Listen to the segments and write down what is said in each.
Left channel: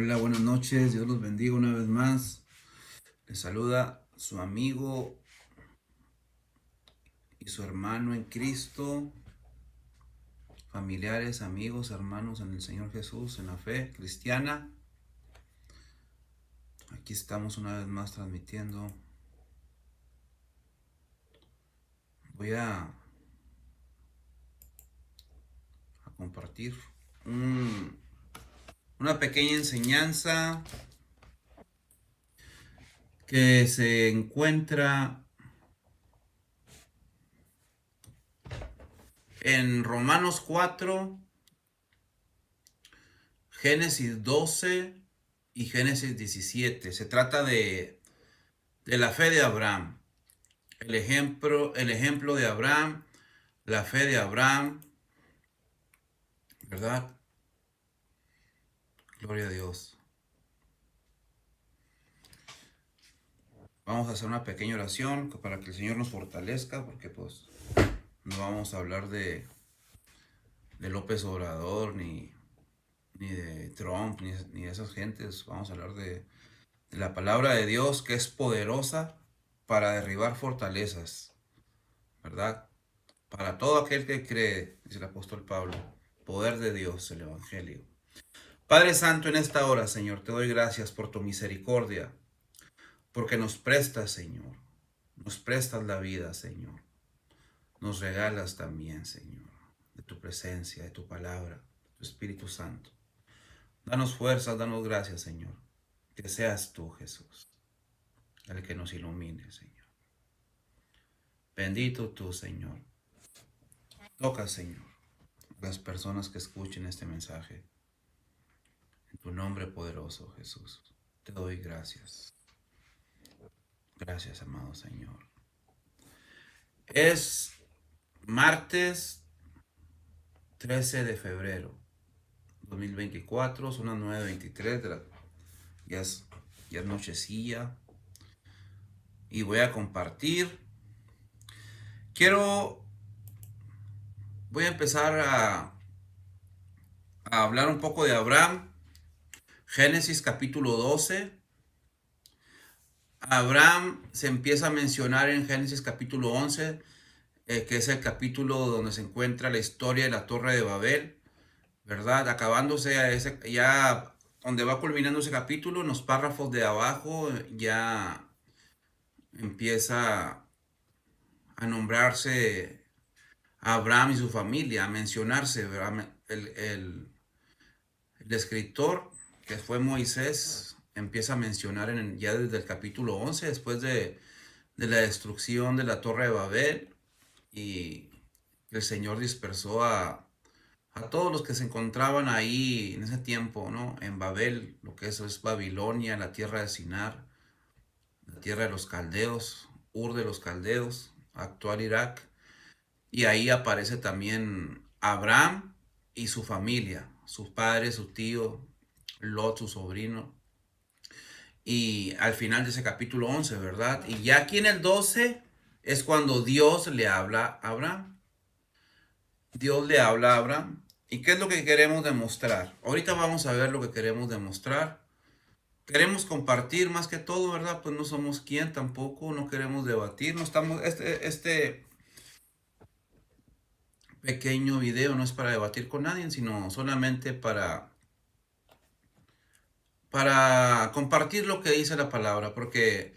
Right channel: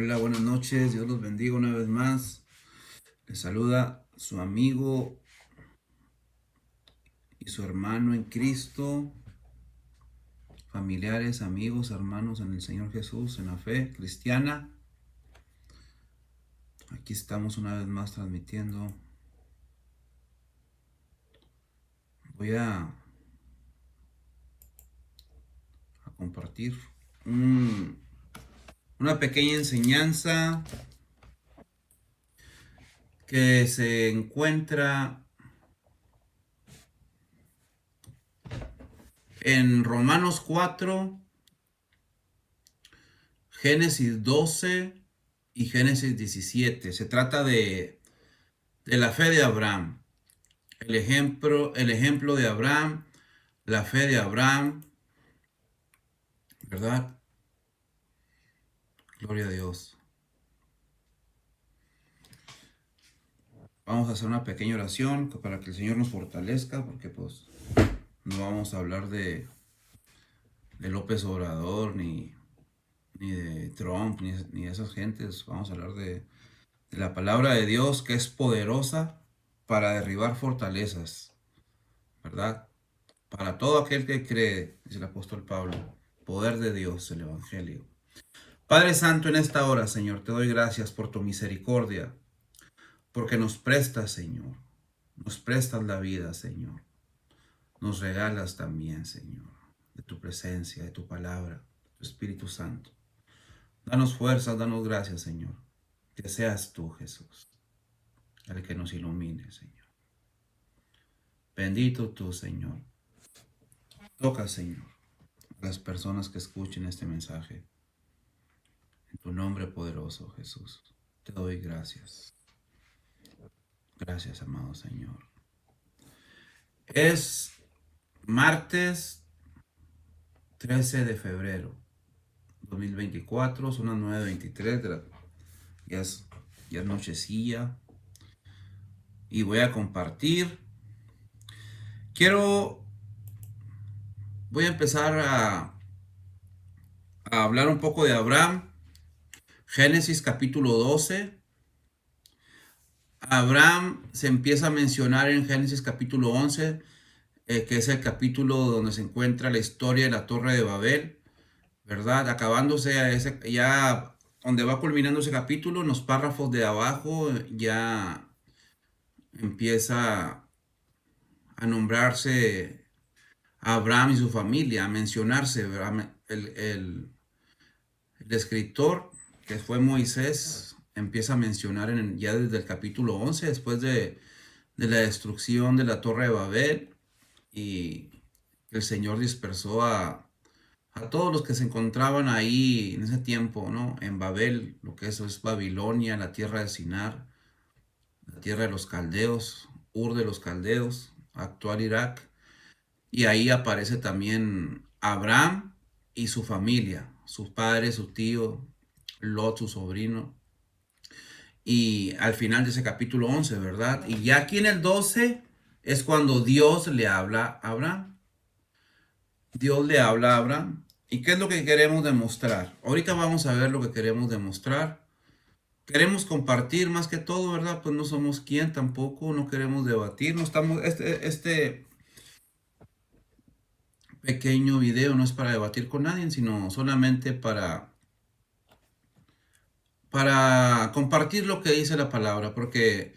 Hola, buenas noches. Dios los bendiga una vez más. Les saluda su amigo y su hermano en Cristo, familiares, amigos, hermanos en el Señor Jesús, en la fe cristiana. Aquí estamos una vez más transmitiendo. Voy a compartir una pequeña enseñanza que se encuentra en Romanos 4, Génesis 12 y Génesis 17. Se trata de la fe de Abraham. El ejemplo de Abraham, la fe de Abraham, ¿verdad? Gloria a Dios. Vamos a hacer una pequeña oración para que el Señor nos fortalezca, porque pues no vamos a hablar de López Obrador, ni de Trump, ni de esas gentes. Vamos a hablar de la palabra de Dios, que es poderosa para derribar fortalezas, ¿verdad? Para todo aquel que cree, dice el apóstol Pablo, poder de Dios, el Evangelio. Padre Santo, en esta hora, Señor, te doy gracias por tu misericordia, porque nos prestas, Señor, nos prestas la vida, Señor, nos regalas también, Señor, de tu presencia, de tu palabra, tu Espíritu Santo. Danos fuerzas, danos gracias, Señor, que seas tú, Jesús, el que nos ilumine, Señor. Bendito tú, Señor. Toca, Señor, a las personas que escuchen este mensaje. En tu nombre poderoso, Jesús, te doy gracias. Gracias, amado Señor. Es martes 13 de febrero 2024, son las 9:23 ya es nochecilla. Y voy a compartir. Voy a empezar a hablar un poco de Abraham. Génesis capítulo 12. Abraham se empieza a mencionar en Génesis capítulo 11, que es el capítulo donde se encuentra la historia de la Torre de Babel, ¿verdad? Acabándose ya donde va culminando ese capítulo, en los párrafos de abajo ya empieza a nombrarse a Abraham y su familia, a mencionarse, ¿verdad? El escritor, que fue Moisés, empieza a mencionar ya desde el capítulo 11, después de la destrucción de la Torre de Babel, y el Señor dispersó a todos los que se encontraban ahí en ese tiempo, ¿no? En Babel, lo que eso es Babilonia, la tierra de Sinar, la tierra de los caldeos, Ur de los caldeos, actual Irak. Y ahí aparece también Abraham y su familia, su padre, su tío, Lot, su sobrino. Y al final de ese capítulo 11, ¿verdad? Y ya aquí en el 12 es cuando Dios le habla a Abraham. Dios le habla a Abraham. ¿Y qué es lo que queremos demostrar? Ahorita vamos a ver lo que queremos demostrar. Queremos compartir más que todo, ¿verdad? Pues no somos quien tampoco, no queremos debatir, no estamos, este pequeño video no es para debatir con nadie, sino solamente para compartir lo que dice la palabra, porque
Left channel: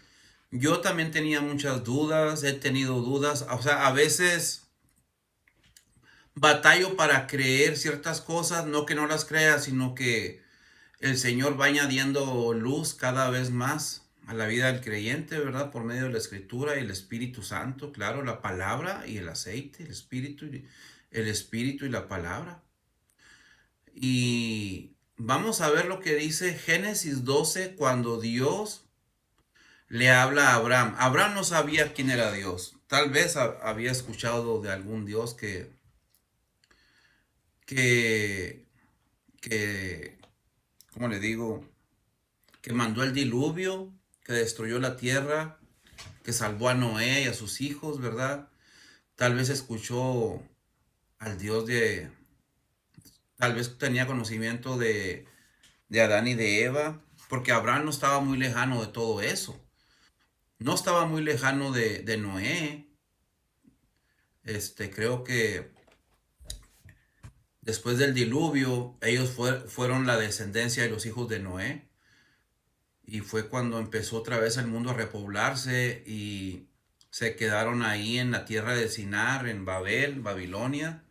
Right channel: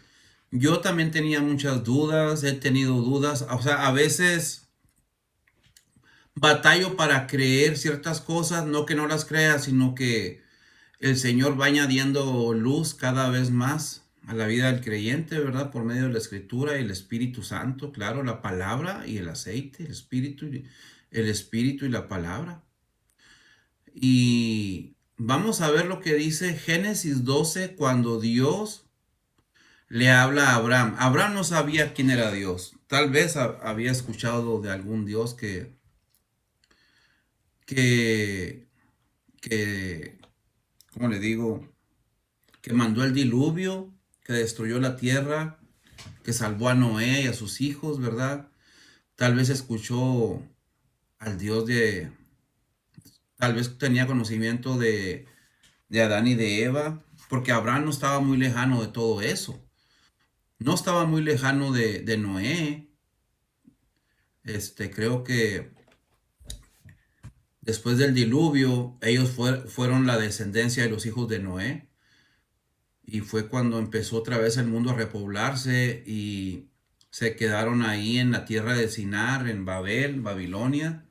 yo también tenía muchas dudas, he tenido dudas, o sea, a veces batallo para creer ciertas cosas, no que no las crea, sino que el Señor va añadiendo luz cada vez más a la vida del creyente, ¿verdad? Por medio de la Escritura y el Espíritu Santo, claro, la palabra y el aceite, el Espíritu y la palabra. Y vamos a ver lo que dice Génesis 12 cuando Dios le habla a Abraham. Abraham no sabía quién era Dios. Tal vez había escuchado de algún Dios que, que, ¿cómo le digo? Que mandó el diluvio, que destruyó la tierra, que salvó a Noé y a sus hijos, ¿verdad? Tal vez escuchó al Dios tal vez tenía conocimiento de Adán y de Eva, porque Abraham no estaba muy lejano de todo eso. No estaba muy lejano de Noé. Creo que después del diluvio, ellos fueron la descendencia de los hijos de Noé. Y fue cuando empezó otra vez el mundo a repoblarse y se quedaron ahí en la tierra de Sinar, en Babel, Babilonia,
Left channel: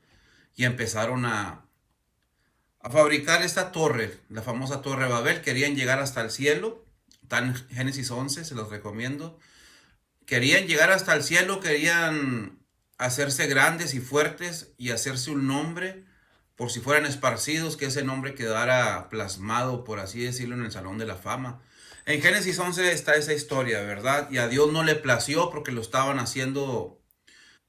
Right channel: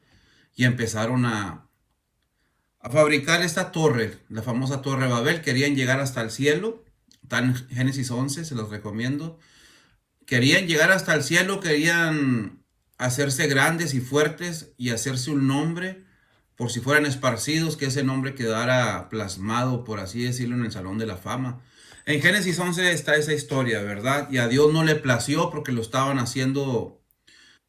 y empezaron a fabricar esta torre, la famosa Torre de Babel. Querían llegar hasta el cielo. Está en Génesis 11, se los recomiendo. Querían llegar hasta el cielo, querían hacerse grandes y fuertes y hacerse un nombre por si fueran esparcidos, que ese nombre quedara plasmado, por así decirlo, en el Salón de la Fama. En Génesis 11 está esa historia, ¿verdad? Y a Dios no le plació porque lo estaban haciendo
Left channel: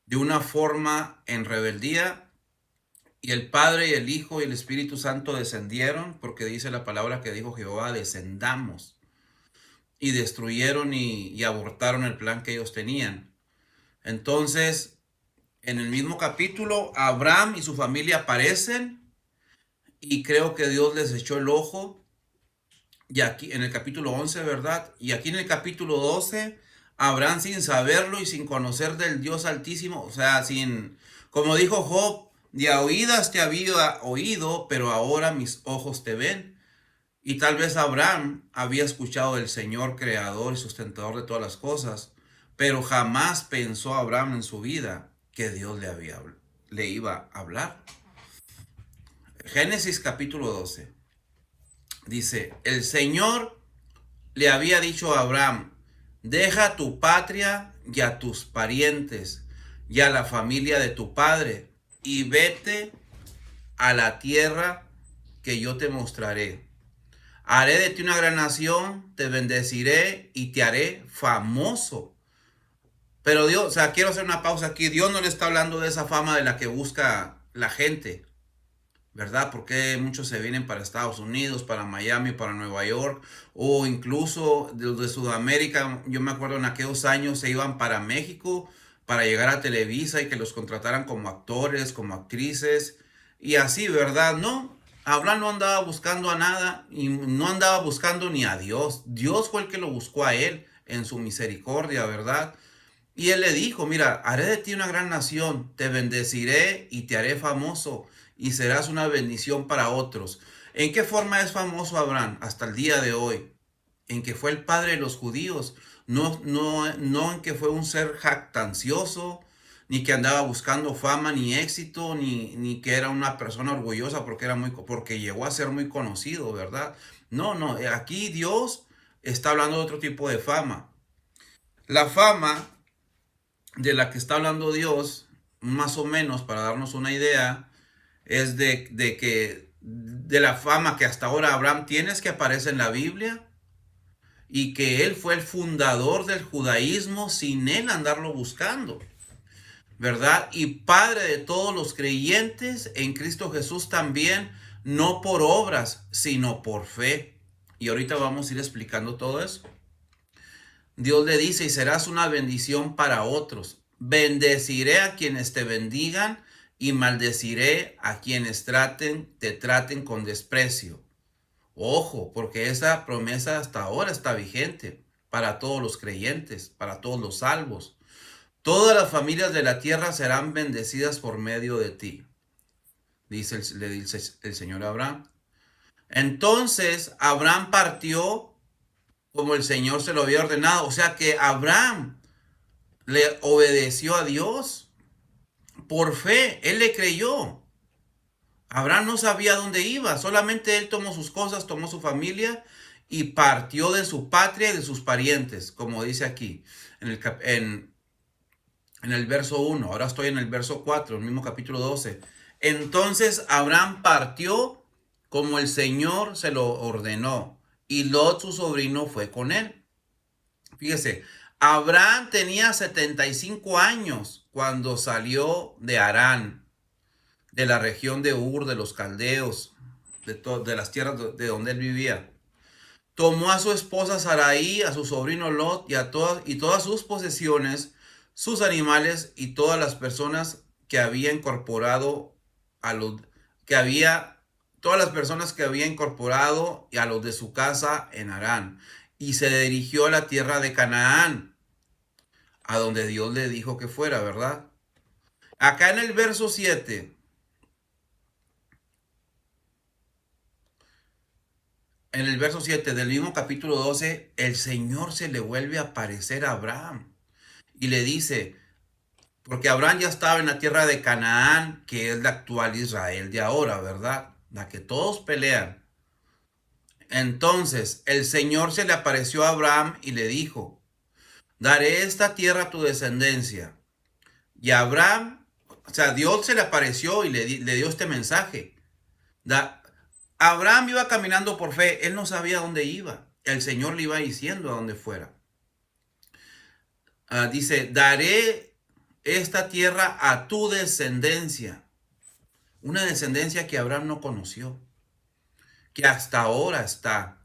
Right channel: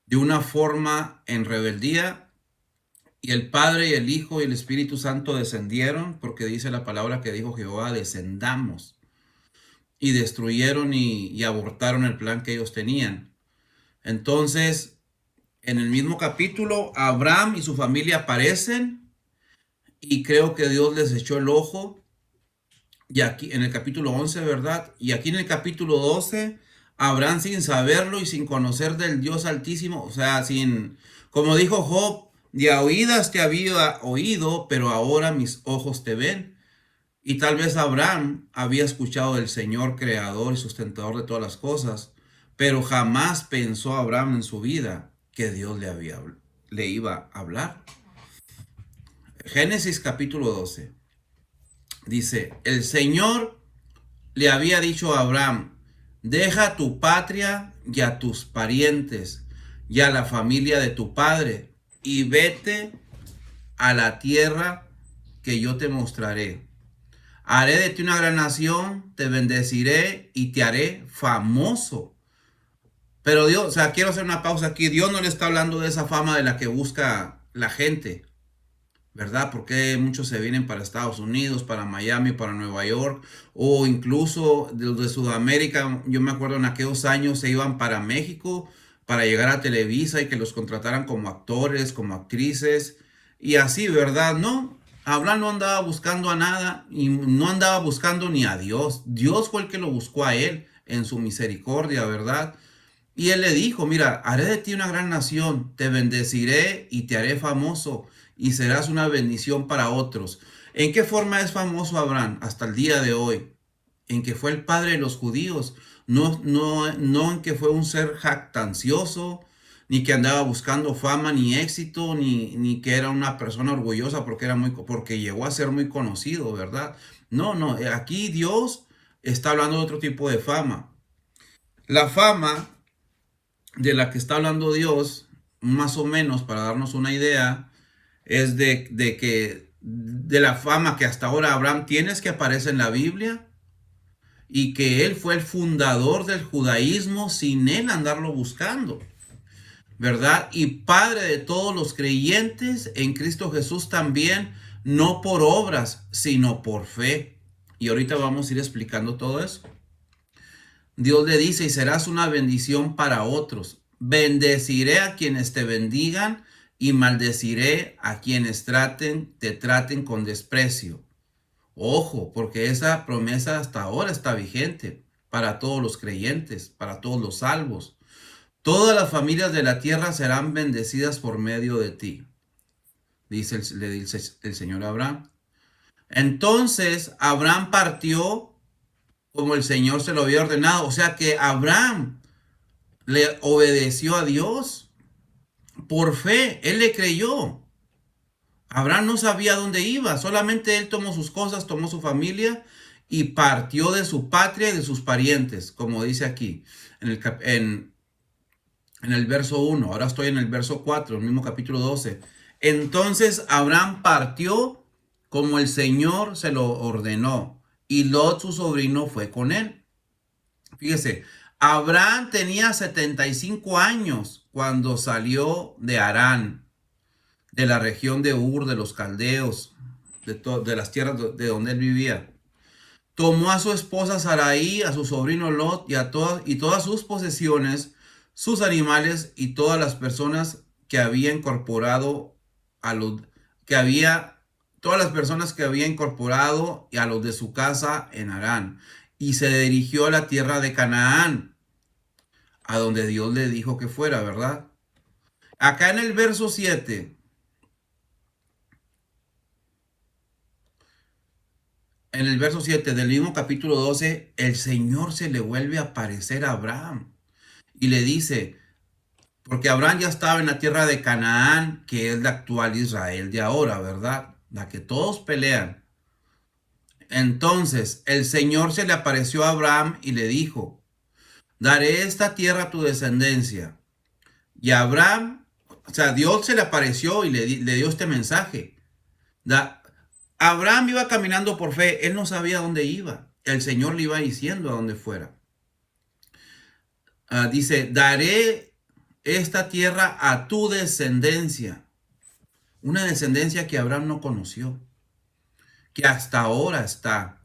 de una forma en rebeldía. Y el Padre y el Hijo y el Espíritu Santo descendieron, porque dice la palabra que dijo Jehová: descendamos. Y destruyeron y abortaron el plan que ellos tenían. Entonces, en el mismo capítulo, Abraham y su familia aparecen y creo que Dios les echó el ojo. Y aquí en el capítulo 11, ¿verdad? Y aquí en el capítulo 12, Abraham, sin saberlo y sin conocer del Dios Altísimo, o sea, como dijo Job, de a oídas te había oído, pero ahora mis ojos te ven. Y tal vez Abraham había escuchado del Señor creador y sustentador de todas las cosas, pero jamás pensó Abraham en su vida que Dios le iba a hablar. Génesis capítulo 12 dice: el Señor le había dicho a Abraham: deja tu patria y a tus parientes y a la familia de tu padre y vete a la tierra que yo te mostraré. Haré de ti una gran nación, te bendeciré y te haré famoso. Pero Dios, o sea, quiero hacer una pausa aquí. Dios no le está hablando de esa fama de la que busca la gente, ¿verdad? Porque muchos se vienen para Estados Unidos, para Miami, para Nueva York, o incluso de Sudamérica. Yo me acuerdo en aquellos años se iban para México para llegar a Televisa y que los contrataran como actores, como actrices, y así, ¿verdad? No, Abraham no andaba buscando a nada y no andaba buscando ni a Dios. Dios fue el que lo buscó a él en su misericordia, ¿verdad? Y él le dijo: mira, haré de ti una gran nación, te bendeciré y te haré famoso y serás una bendición para otros. ¿En qué forma es famoso Abraham hasta el día de hoy? En que fue el padre de los judíos, no en que fue un ser jactancioso, ni que andaba buscando fama ni éxito, ni que era una persona orgullosa porque llegó a ser muy conocido, ¿verdad? No, aquí Dios está hablando de otro tipo de fama. La fama de la que está hablando Dios, más o menos para darnos una idea, es de la fama que hasta ahora Abraham tiene, que aparece en la Biblia, y que él fue el fundador del judaísmo sin él andarlo buscando, ¿verdad? Y padre de todos los creyentes en Cristo Jesús también, no por obras, sino por fe. Y ahorita vamos a ir explicando todo eso. Dios le dice: y serás una bendición para otros. Bendeciré a quienes te bendigan y maldeciré a quienes te traten con desprecio. Ojo, porque esa promesa hasta ahora está vigente para todos los creyentes, para todos los salvos. Todas las familias de la tierra serán bendecidas por medio de ti, le dice el Señor a Abraham. Entonces Abraham partió como el Señor se lo había ordenado. O sea que Abraham le obedeció a Dios por fe. Él le creyó. Abraham no sabía dónde iba. Solamente él tomó sus cosas, tomó su familia y partió de su patria y de sus parientes, como dice aquí en el verso 1. Ahora estoy en el verso 4, el mismo capítulo 12. Entonces Abraham partió como el Señor se lo ordenó, y Lot, su sobrino, fue con él. Fíjese, Abraham tenía 75 años cuando salió de Harán, de la región de Ur, de los caldeos, de las tierras de donde él vivía. Tomó a su esposa Sarai, a su sobrino Lot y todas sus posesiones, sus animales y todas las personas que había incorporado todas las personas que había incorporado y a los de su casa en Harán. Y se dirigió a la tierra de Canaán, a donde Dios le dijo que fuera, ¿verdad? Acá en el verso 7, en el verso 7 del mismo capítulo 12, el Señor se le vuelve a aparecer a Abraham y le dice, porque Abraham ya estaba en la tierra de Canaán, que es la actual Israel de ahora, ¿verdad? La que todos pelean. Entonces el Señor se le apareció a Abraham y le dijo, daré esta tierra a tu descendencia. Y Abraham, o sea, Dios se le apareció y le dio este mensaje. Abraham iba caminando por fe, él no sabía dónde iba. El Señor le iba diciendo a dónde fuera. Dice, daré esta tierra a tu descendencia. Una descendencia que Abraham no conoció, que hasta ahora está.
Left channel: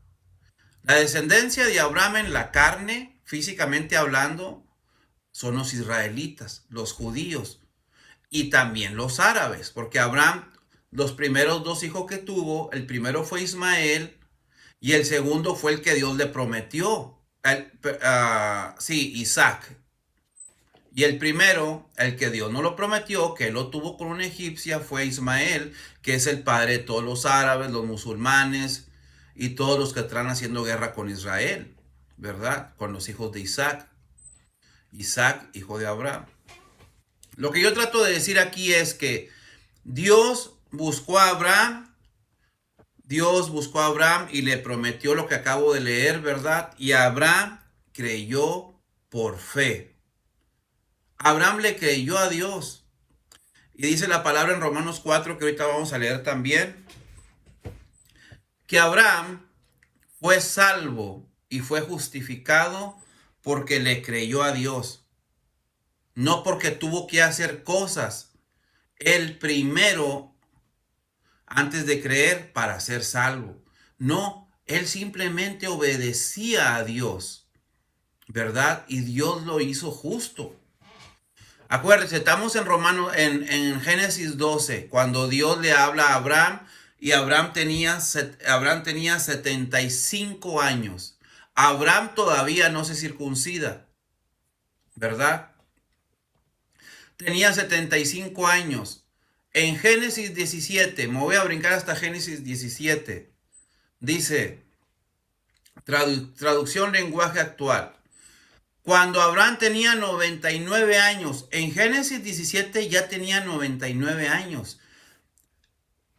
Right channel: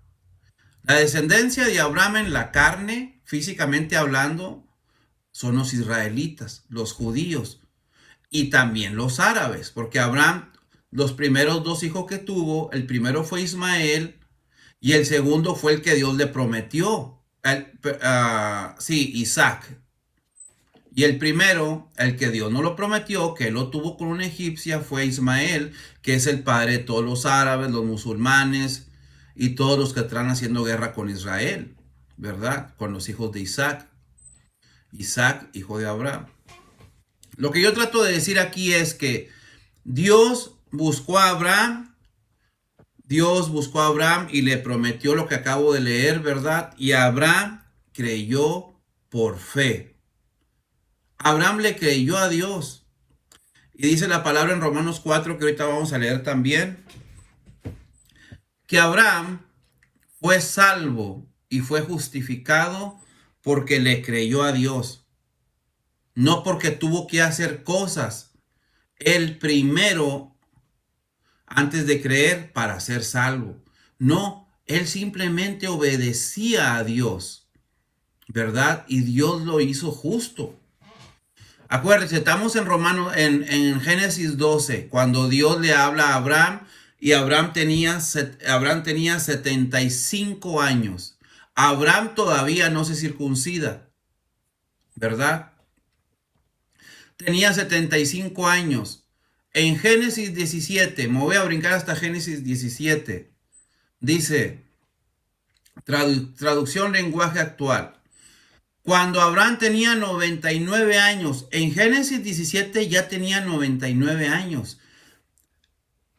La descendencia de Abraham en la carne, físicamente hablando, son los israelitas, los judíos y también los árabes, porque Abraham, los primeros dos hijos que tuvo, el primero fue Ismael y el segundo fue el que Dios le prometió, Isaac. Y el primero, el que Dios no lo prometió, que él lo tuvo con una egipcia, fue Ismael, que es el padre de todos los árabes, los musulmanes y todos los que están haciendo guerra con Israel, ¿verdad? Con los hijos de Isaac. Isaac, hijo de Abraham. Lo que yo trato de decir aquí es que Dios buscó a Abraham y le prometió lo que acabo de leer, ¿verdad? Y Abraham creyó por fe. Abraham le creyó a Dios. Y dice la palabra en Romanos 4, que ahorita vamos a leer también, que Abraham fue salvo y fue justificado porque le creyó a Dios. No porque tuvo que hacer cosas. El primero, antes de creer, para ser salvo. No, él simplemente obedecía a Dios, ¿verdad? Y Dios lo hizo justo. Acuérdense, estamos en en Génesis 12, cuando Dios le habla a Abraham y Abraham tenía 75 años. Abraham todavía no se circuncida, ¿verdad? Tenía 75 años. En Génesis 17, me voy a brincar hasta Génesis 17, dice, traducción lenguaje actual. Cuando Abraham tenía 99 años, en Génesis 17 ya tenía 99 años.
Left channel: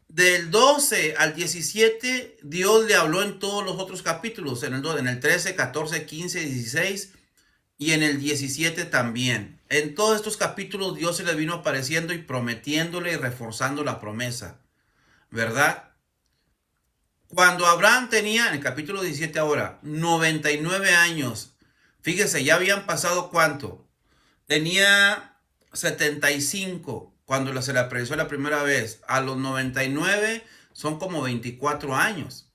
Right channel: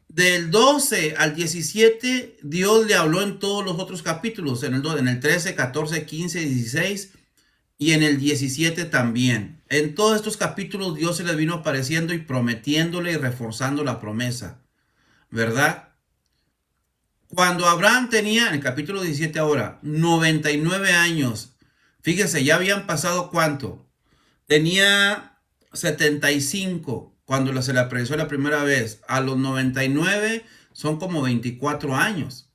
Del 12 al 17, Dios le habló en todos los otros capítulos, en el 13, 14, 15, 16 y en el 17 también. En todos estos capítulos Dios se le vino apareciendo y prometiéndole y reforzando la promesa, ¿verdad? Cuando Abraham tenía, en el capítulo 17 ahora, 99 años, fíjese, ya habían pasado ¿cuánto? Tenía 75 cuando se le apareció la primera vez. A los 99 son como 24 años.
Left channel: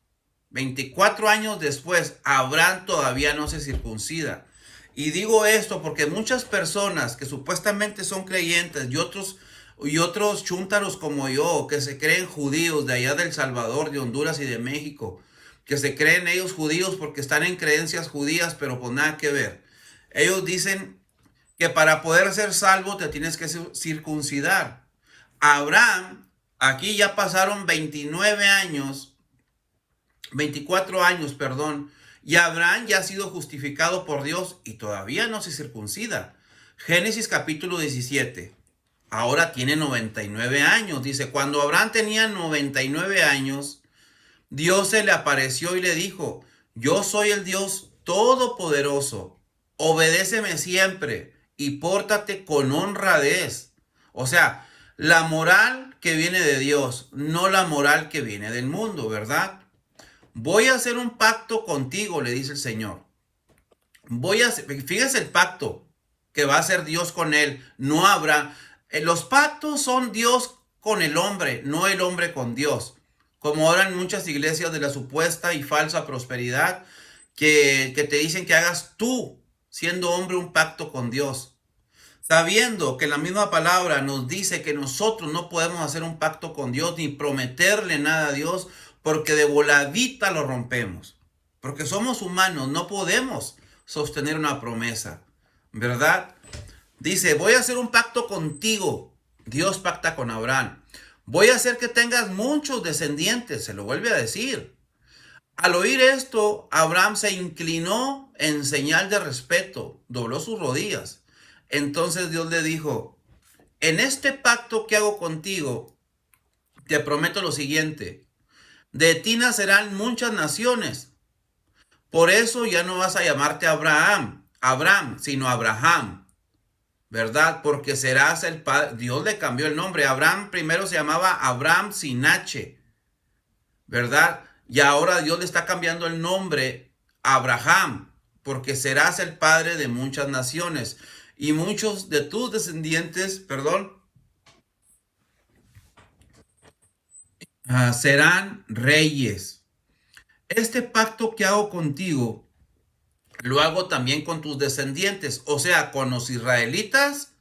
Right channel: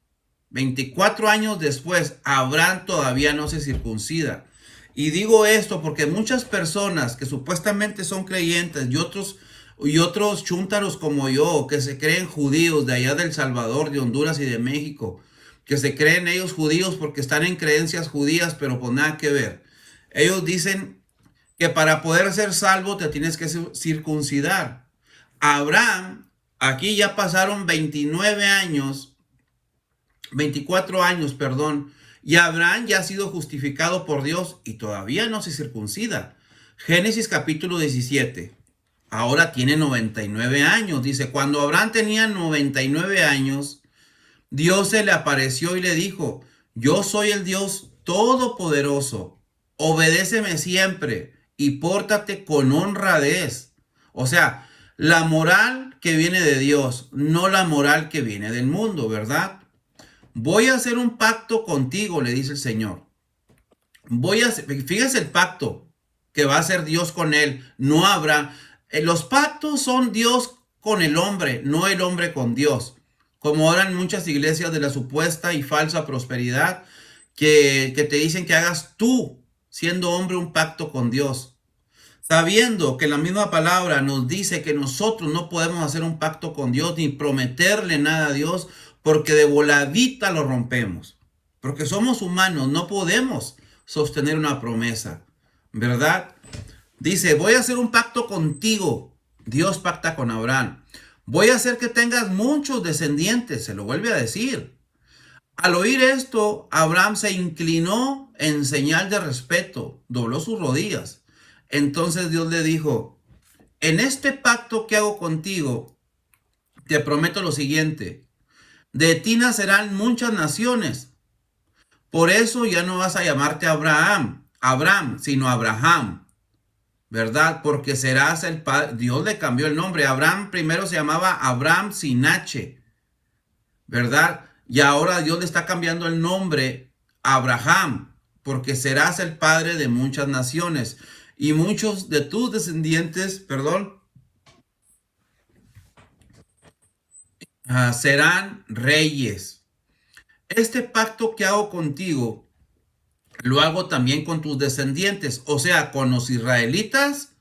24 años después, Abraham todavía no se circuncida. Y digo esto porque muchas personas que supuestamente son creyentes y otros chúntaros como yo, que se creen judíos de allá del Salvador, de Honduras y de México, que se creen ellos judíos porque están en creencias judías, pero pues nada que ver. Ellos dicen que para poder ser salvo te tienes que circuncidar. Abraham, aquí ya pasaron 24 años, perdón, y Abraham ya ha sido justificado por Dios y todavía no se circuncida. Génesis capítulo 17. Ahora tiene 99 años. Dice, cuando Abraham tenía 99 años, Dios se le apareció y le dijo, yo soy el Dios todopoderoso, obedéceme siempre y pórtate con honradez. O sea, la moral que viene de Dios, no la moral que viene del mundo, ¿verdad? Voy a hacer un pacto contigo, le dice el Señor. Fíjese el pacto que va a hacer Dios con él. No habrá, los pactos son Dios con el hombre, no el hombre con Dios. Como ahora en muchas iglesias de la supuesta y falsa prosperidad, que te dicen que hagas tú, siendo hombre, un pacto con Dios. sabiendo que la misma palabra nos dice que nosotros no podemos hacer un pacto con Dios ni prometerle nada a Dios, porque de voladita lo rompemos. Porque somos humanos, no podemos sostener una promesa, ¿verdad? Dice, voy a hacer un pacto contigo. Dios pacta con Abraham. Voy a hacer que tengas muchos descendientes, se lo vuelve a decir. Al oír esto, Abraham se inclinó en señal de respeto, dobló sus rodillas. Entonces Dios le dijo, en este pacto que hago contigo, te prometo lo siguiente, de ti nacerán muchas naciones. Por eso ya no vas a llamarte Abraham, sino Abraham, ¿verdad? Porque serás el padre. Dios le cambió el nombre. Abraham primero se llamaba Abraham sin H, ¿verdad? Y ahora Dios le está cambiando el nombre a Abraham, porque serás el padre de muchas naciones. Y muchos de tus descendientes, serán reyes. Este pacto que hago contigo, lo hago también con tus descendientes, o sea, con los israelitas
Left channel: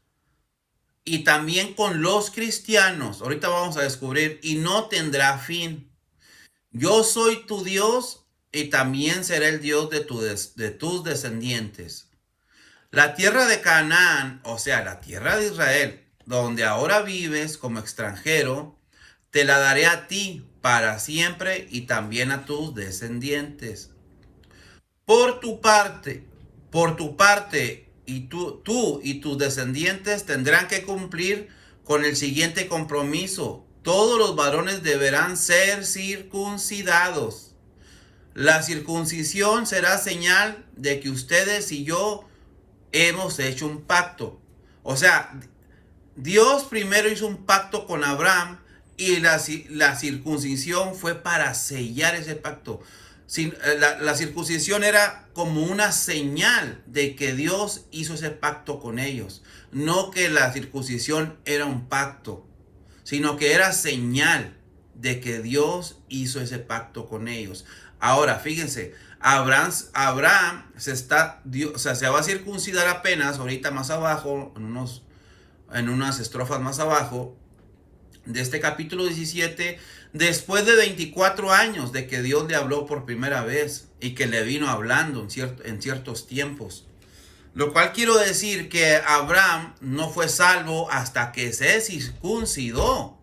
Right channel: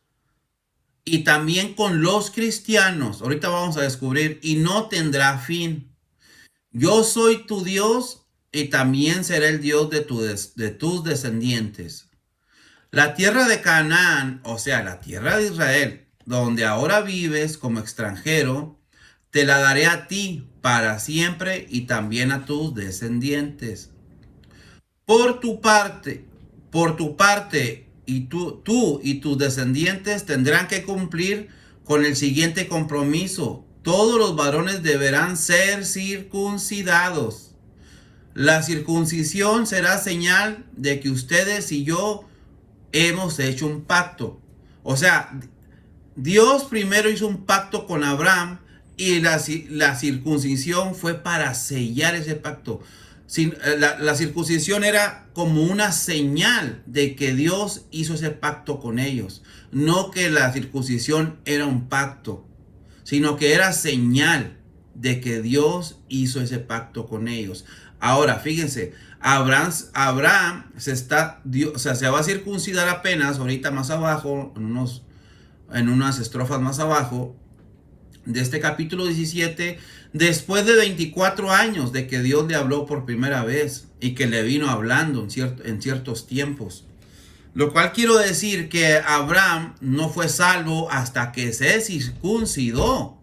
y también con los cristianos. Ahorita vamos a descubrir, y no tendrá fin. Yo soy tu Dios y también seré el Dios de tus descendientes. La tierra de Canaán, o sea, la tierra de Israel, donde ahora vives como extranjero, te la daré a ti para siempre y también a tus descendientes. Por tu parte, y tú y tus descendientes tendrán que cumplir con el siguiente compromiso. Todos los varones deberán ser circuncidados. La circuncisión será señal de que ustedes y yo hemos hecho un pacto. O sea, Dios primero hizo un pacto con Abraham y la circuncisión fue para sellar ese pacto. La circuncisión era como una señal de que Dios hizo ese pacto con ellos. No que la circuncisión era un pacto, sino que era señal de que Dios hizo ese pacto con ellos. Ahora, fíjense, Abraham se va a circuncidar apenas, ahorita más abajo, en unas estrofas más abajo de este capítulo 17, después de 24 años de que Dios le habló por primera vez y que le vino hablando en ciertos tiempos. Lo cual quiero decir que Abraham no fue salvo hasta que se circuncidó,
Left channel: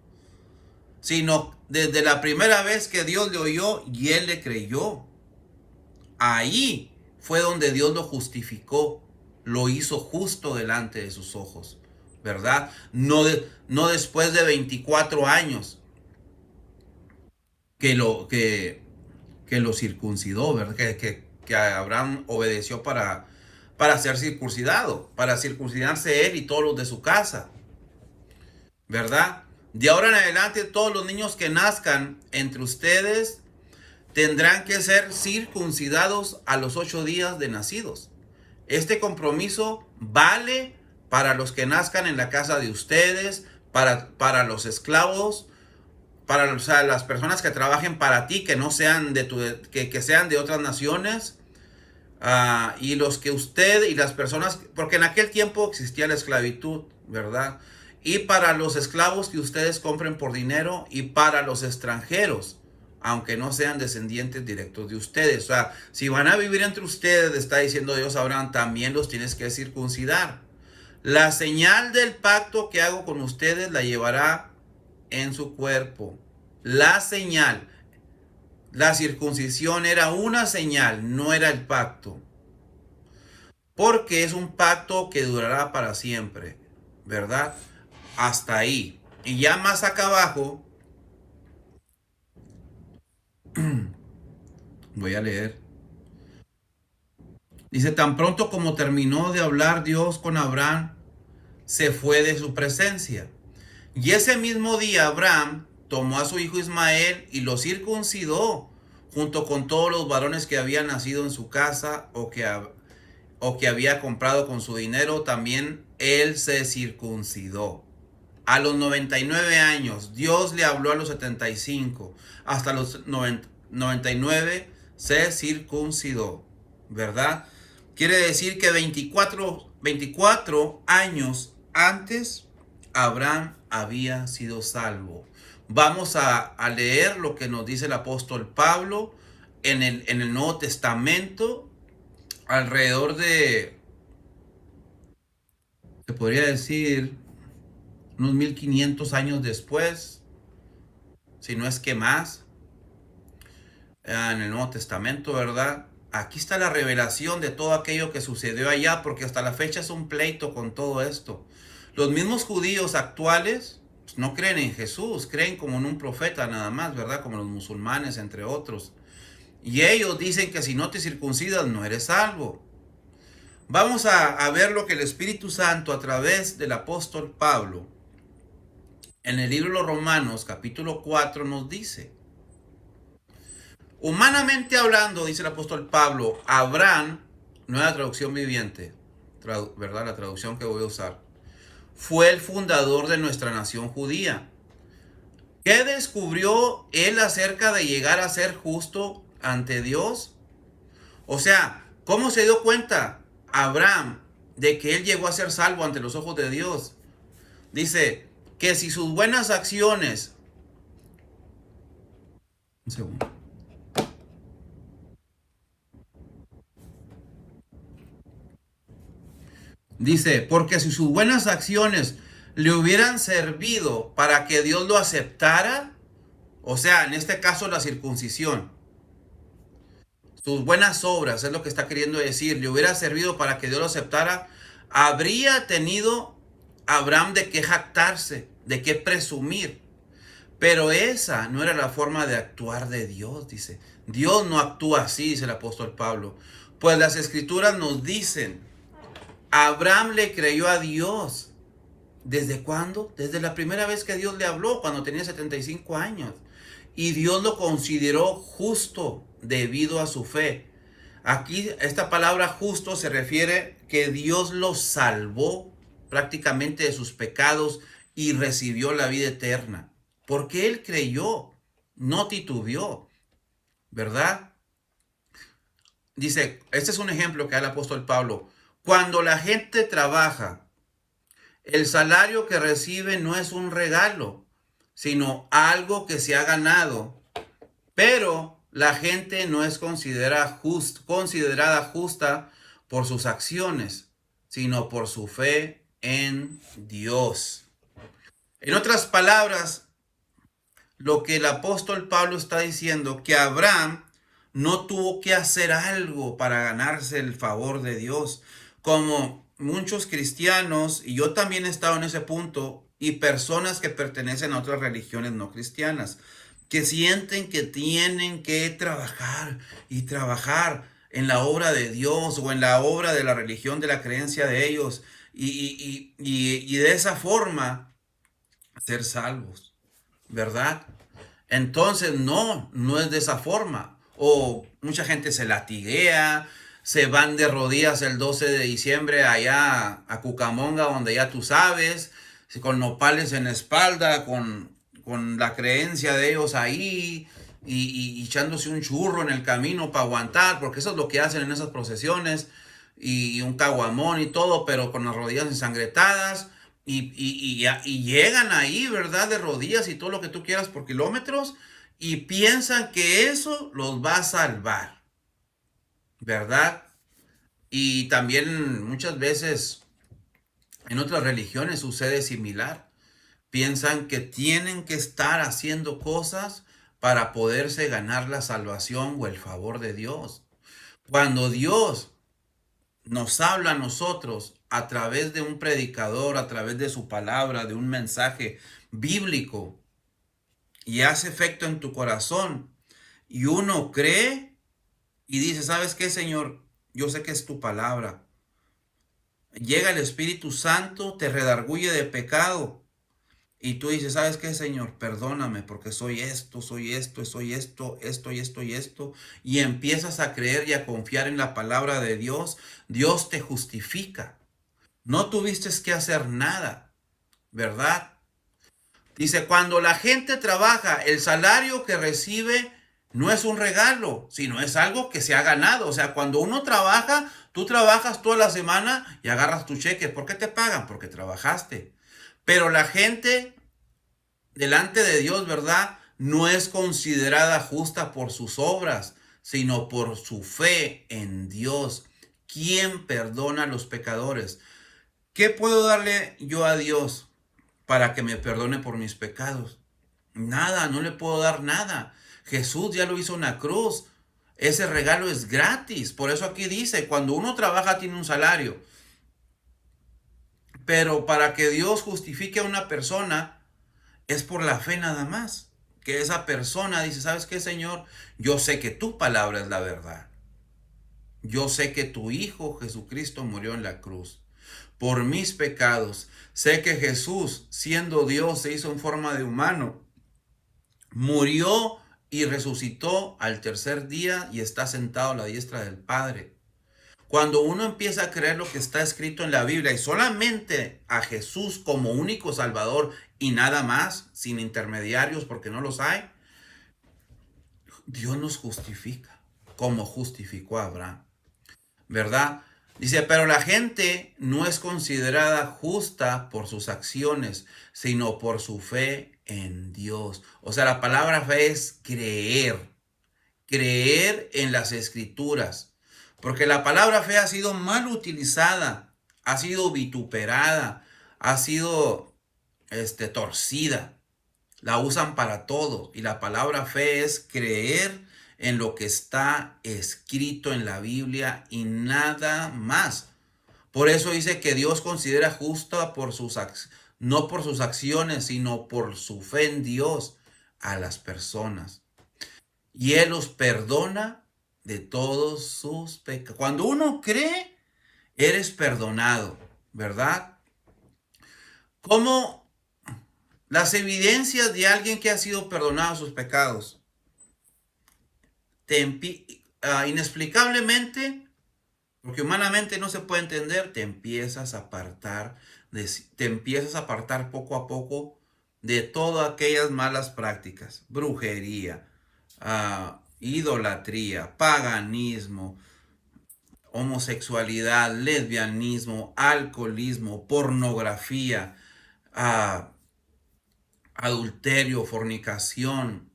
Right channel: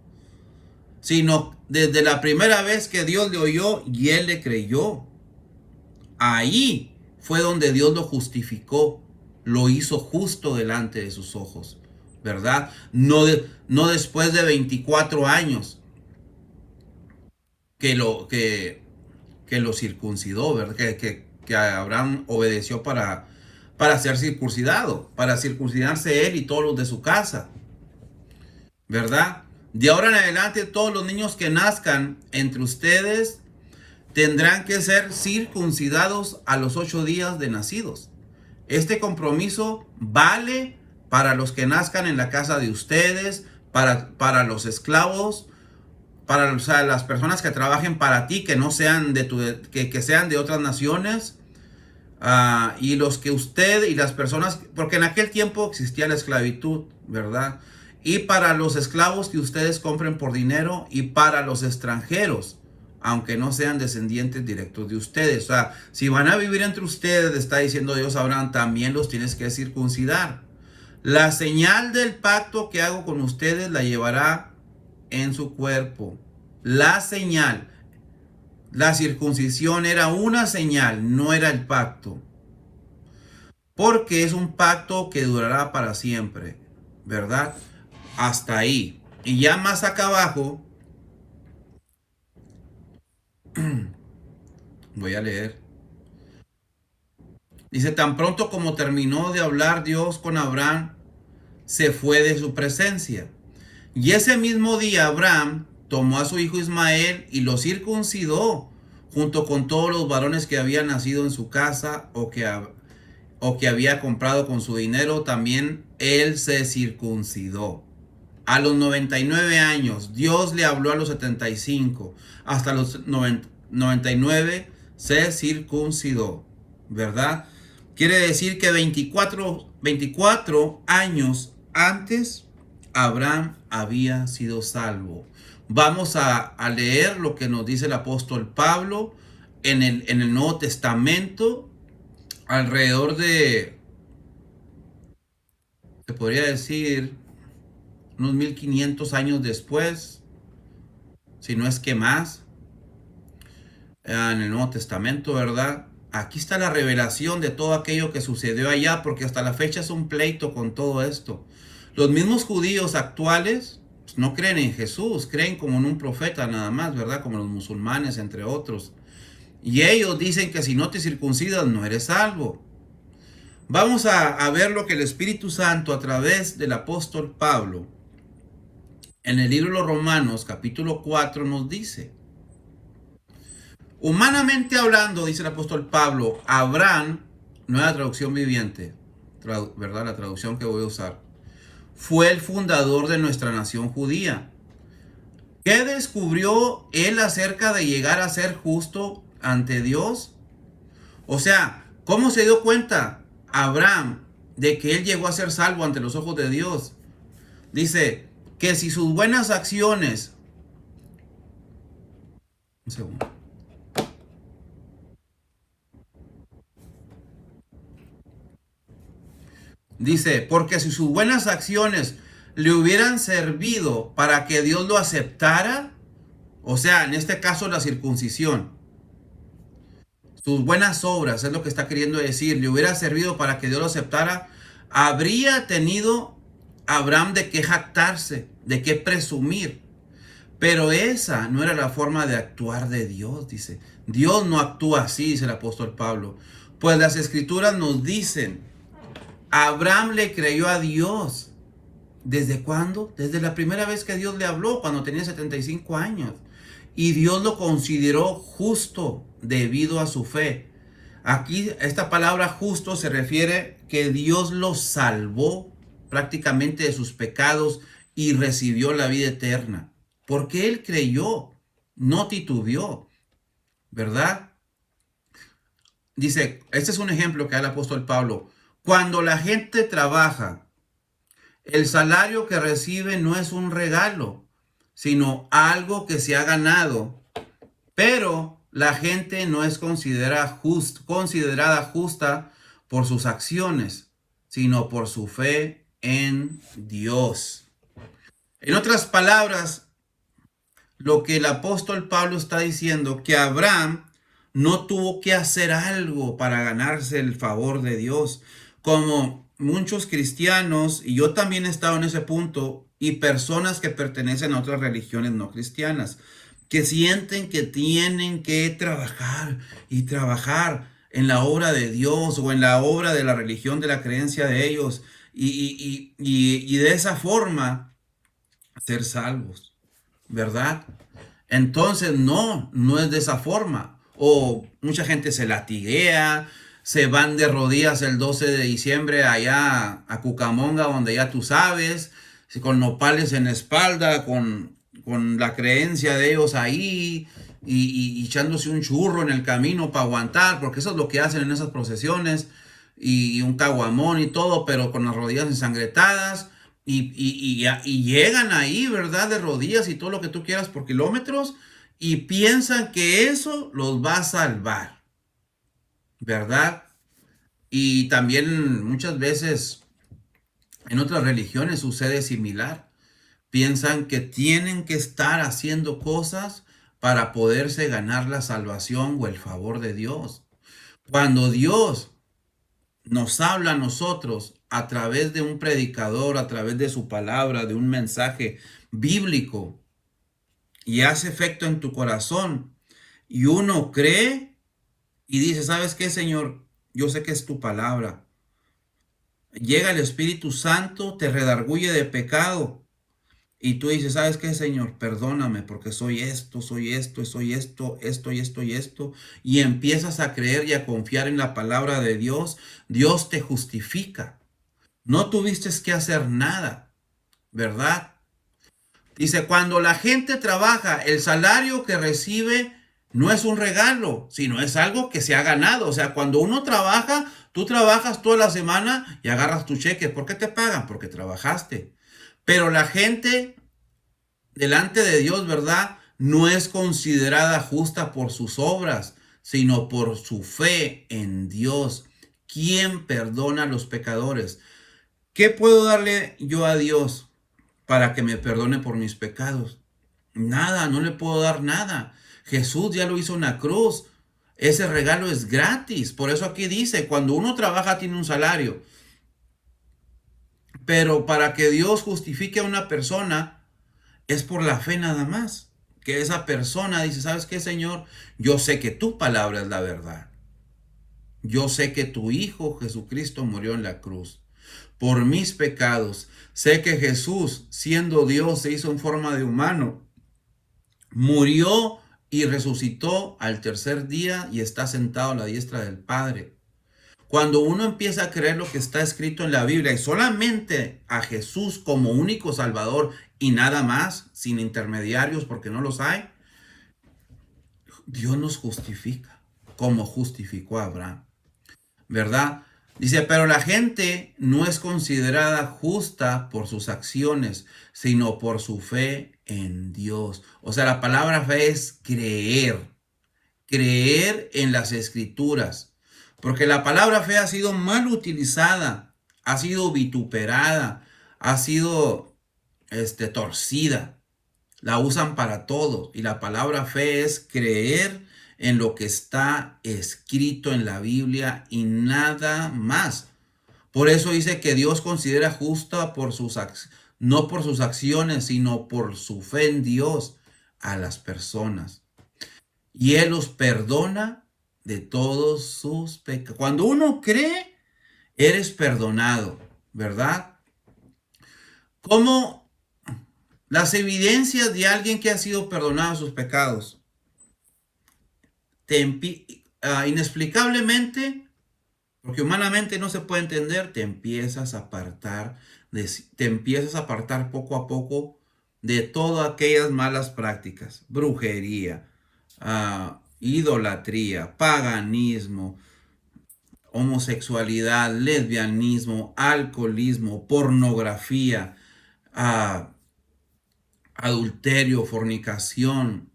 sino desde la primera vez que Dios le oyó y él le creyó. Ahí fue donde Dios lo justificó, lo hizo justo delante de sus ojos, ¿verdad? No después de 24 años que lo circuncidó, ¿verdad? Que Abraham obedeció para ser circuncidado, para circuncidarse él y todos los de su casa, ¿verdad? De ahora en adelante, todos los niños que nazcan entre ustedes tendrán que ser circuncidados a los 8 días de nacidos. Este compromiso vale para los que nazcan en la casa de ustedes, para los esclavos, para las personas que trabajen para ti, que no sean que sean de otras naciones, y los que usted y las personas, porque en aquel tiempo existía la esclavitud, ¿verdad? Y para los esclavos que ustedes compren por dinero, y para los extranjeros, aunque no sean descendientes directos de ustedes. O sea, si van a vivir entre ustedes, está diciendo Dios a Abraham, también los tienes que circuncidar. La señal del pacto que hago con ustedes la llevará en su cuerpo. La señal. La circuncisión era una señal, no era el pacto. Porque es un pacto que durará para siempre, ¿verdad? Hasta ahí. Y ya más acá abajo, voy a leer. Dice, tan pronto como terminó de hablar Dios con Abraham, se fue de su presencia. Y ese mismo día Abraham tomó a su hijo Ismael y lo circuncidó, junto con todos los varones que habían nacido en su casa o que había comprado con su dinero. También él se circuncidó. A los 99 años, Dios le habló a los 75. Hasta los 99 se circuncidó, ¿verdad? Quiere decir que 24 24 años antes, Abraham había sido salvo. Vamos a leer lo que nos dice el apóstol Pablo en el Nuevo Testamento, alrededor de, se podría decir, unos 1500 años después, si no es que más, en el Nuevo Testamento, ¿verdad? Aquí está la revelación de todo aquello que sucedió allá, porque hasta la fecha es un pleito con todo esto. Los mismos judíos actuales pues, no creen en Jesús, creen como en un profeta nada más, ¿verdad? Como los musulmanes, entre otros. Y ellos dicen que si no te circuncidas no eres salvo. Vamos a ver lo que el Espíritu Santo a través del apóstol Pablo en el libro de los Romanos capítulo 4 nos dice. Humanamente hablando, dice el apóstol Pablo, Abraham, nueva traducción viviente, ¿verdad? La traducción que voy a usar, fue el fundador de nuestra nación judía. ¿Qué descubrió él acerca de llegar a ser justo ante Dios? O sea, ¿cómo se dio cuenta Abraham de que él llegó a ser salvo ante los ojos de Dios? Dice que si sus buenas acciones... Un segundo. Dice, porque si sus buenas acciones le hubieran servido para que Dios lo aceptara, o sea, en este caso la circuncisión, sus buenas obras, es lo que está queriendo decir, le hubiera servido para que Dios lo aceptara, habría tenido Abraham de qué jactarse, de qué presumir. Pero esa no era la forma de actuar de Dios, dice. Dios no actúa así, dice el apóstol Pablo. Pues las escrituras nos dicen, Abraham le creyó a Dios. ¿Desde cuándo? Desde la primera vez que Dios le habló, cuando tenía 75 años. Y Dios lo consideró justo debido a su fe. Aquí esta palabra justo se refiere que Dios lo salvó prácticamente de sus pecados y recibió la vida eterna. Porque él creyó, no titubeó, ¿verdad? Dice, este es un ejemplo que da el apóstol Pablo. Cuando la gente trabaja, el salario que recibe no es un regalo, sino algo que se ha ganado. Pero la gente no es considerada justa por sus acciones, sino por su fe en Dios. En otras palabras, lo que el apóstol Pablo está diciendo, que Abraham no tuvo que hacer algo para ganarse el favor de Dios, como muchos cristianos, y yo también he estado en ese punto, y personas que pertenecen a otras religiones no cristianas, que sienten que tienen que trabajar y trabajar en la obra de Dios o en la obra de la religión, de la creencia de ellos, y de esa forma ser salvos, ¿verdad? Entonces no es de esa forma. O mucha gente se latiguea, se van de rodillas el 12 de diciembre allá a Cucamonga, donde ya tú sabes, con nopales en la espalda, con la creencia de ellos ahí, y echándose un churro en el camino para aguantar, porque eso es lo que hacen en esas procesiones, y un caguamón y todo, pero con las rodillas ensangrentadas. Y llegan ahí, ¿verdad? De rodillas y todo lo que tú quieras por kilómetros y piensan que eso los va a salvar, ¿verdad? Y también muchas veces en otras religiones sucede similar. Piensan que tienen que estar haciendo cosas para poderse ganar la salvación o el favor de Dios. Cuando Dios nos habla a nosotros a través de un predicador, a través de su palabra, de un mensaje bíblico, y hace efecto en tu corazón, y uno cree y dice, ¿sabes qué, Señor? Yo sé que es tu palabra. Llega el Espíritu Santo, te redarguye de pecado, y tú dices, ¿sabes qué, Señor? Perdóname porque soy esto, esto y esto. Y empiezas a creer y a confiar en la palabra de Dios. Dios te justifica. No tuviste que hacer nada, ¿verdad? Dice, cuando la gente trabaja, el salario que recibe No es un regalo, sino es algo que se ha ganado. O sea, cuando uno trabaja, tú trabajas toda la semana y agarras tu cheque. ¿Por qué te pagan? Porque trabajaste. Pero la gente delante de Dios, ¿verdad? No es considerada justa por sus obras, sino por su fe en Dios, quien perdona a los pecadores. ¿Qué puedo darle yo a Dios para que me perdone por mis pecados? Nada, no le puedo dar nada. Jesús ya lo hizo en la cruz. Ese regalo es gratis. Por eso aquí dice, cuando uno trabaja tiene un salario. Pero para que Dios justifique a una persona es por la fe nada más. Que esa persona dice, ¿sabes qué, Señor? Yo sé que tu palabra es la verdad. Yo sé que tu Hijo Jesucristo murió en la cruz por mis pecados. Sé que Jesús, siendo Dios, se hizo en forma de humano, murió y resucitó al tercer día y está sentado a la diestra del Padre. Cuando uno empieza a creer lo que está escrito en la Biblia y solamente a Jesús como único Salvador y nada más, sin intermediarios porque no los hay, Dios nos justifica como justificó a Abraham, ¿verdad? Dice, pero la gente no es considerada justa por sus acciones, sino por su fe en Dios. O sea, la palabra fe es creer, creer en las escrituras, porque la palabra fe ha sido mal utilizada, ha sido vituperada, ha sido torcida. La usan para todo y la palabra fe es creer en lo que está escrito en la Biblia y nada más. Por eso dice que Dios considera justa por no por sus acciones, sino por su fe en Dios a las personas. Y Él los perdona de todos sus pecados. Cuando uno cree, eres perdonado, ¿verdad? ¿Cómo las evidencias de alguien que ha sido perdonado sus pecados? Inexplicablemente, porque humanamente no se puede entender, te empiezas a apartar, te empiezas a apartar poco a poco de todas aquellas malas prácticas, brujería, idolatría, paganismo, homosexualidad, lesbianismo, alcoholismo, pornografía, adulterio, fornicación.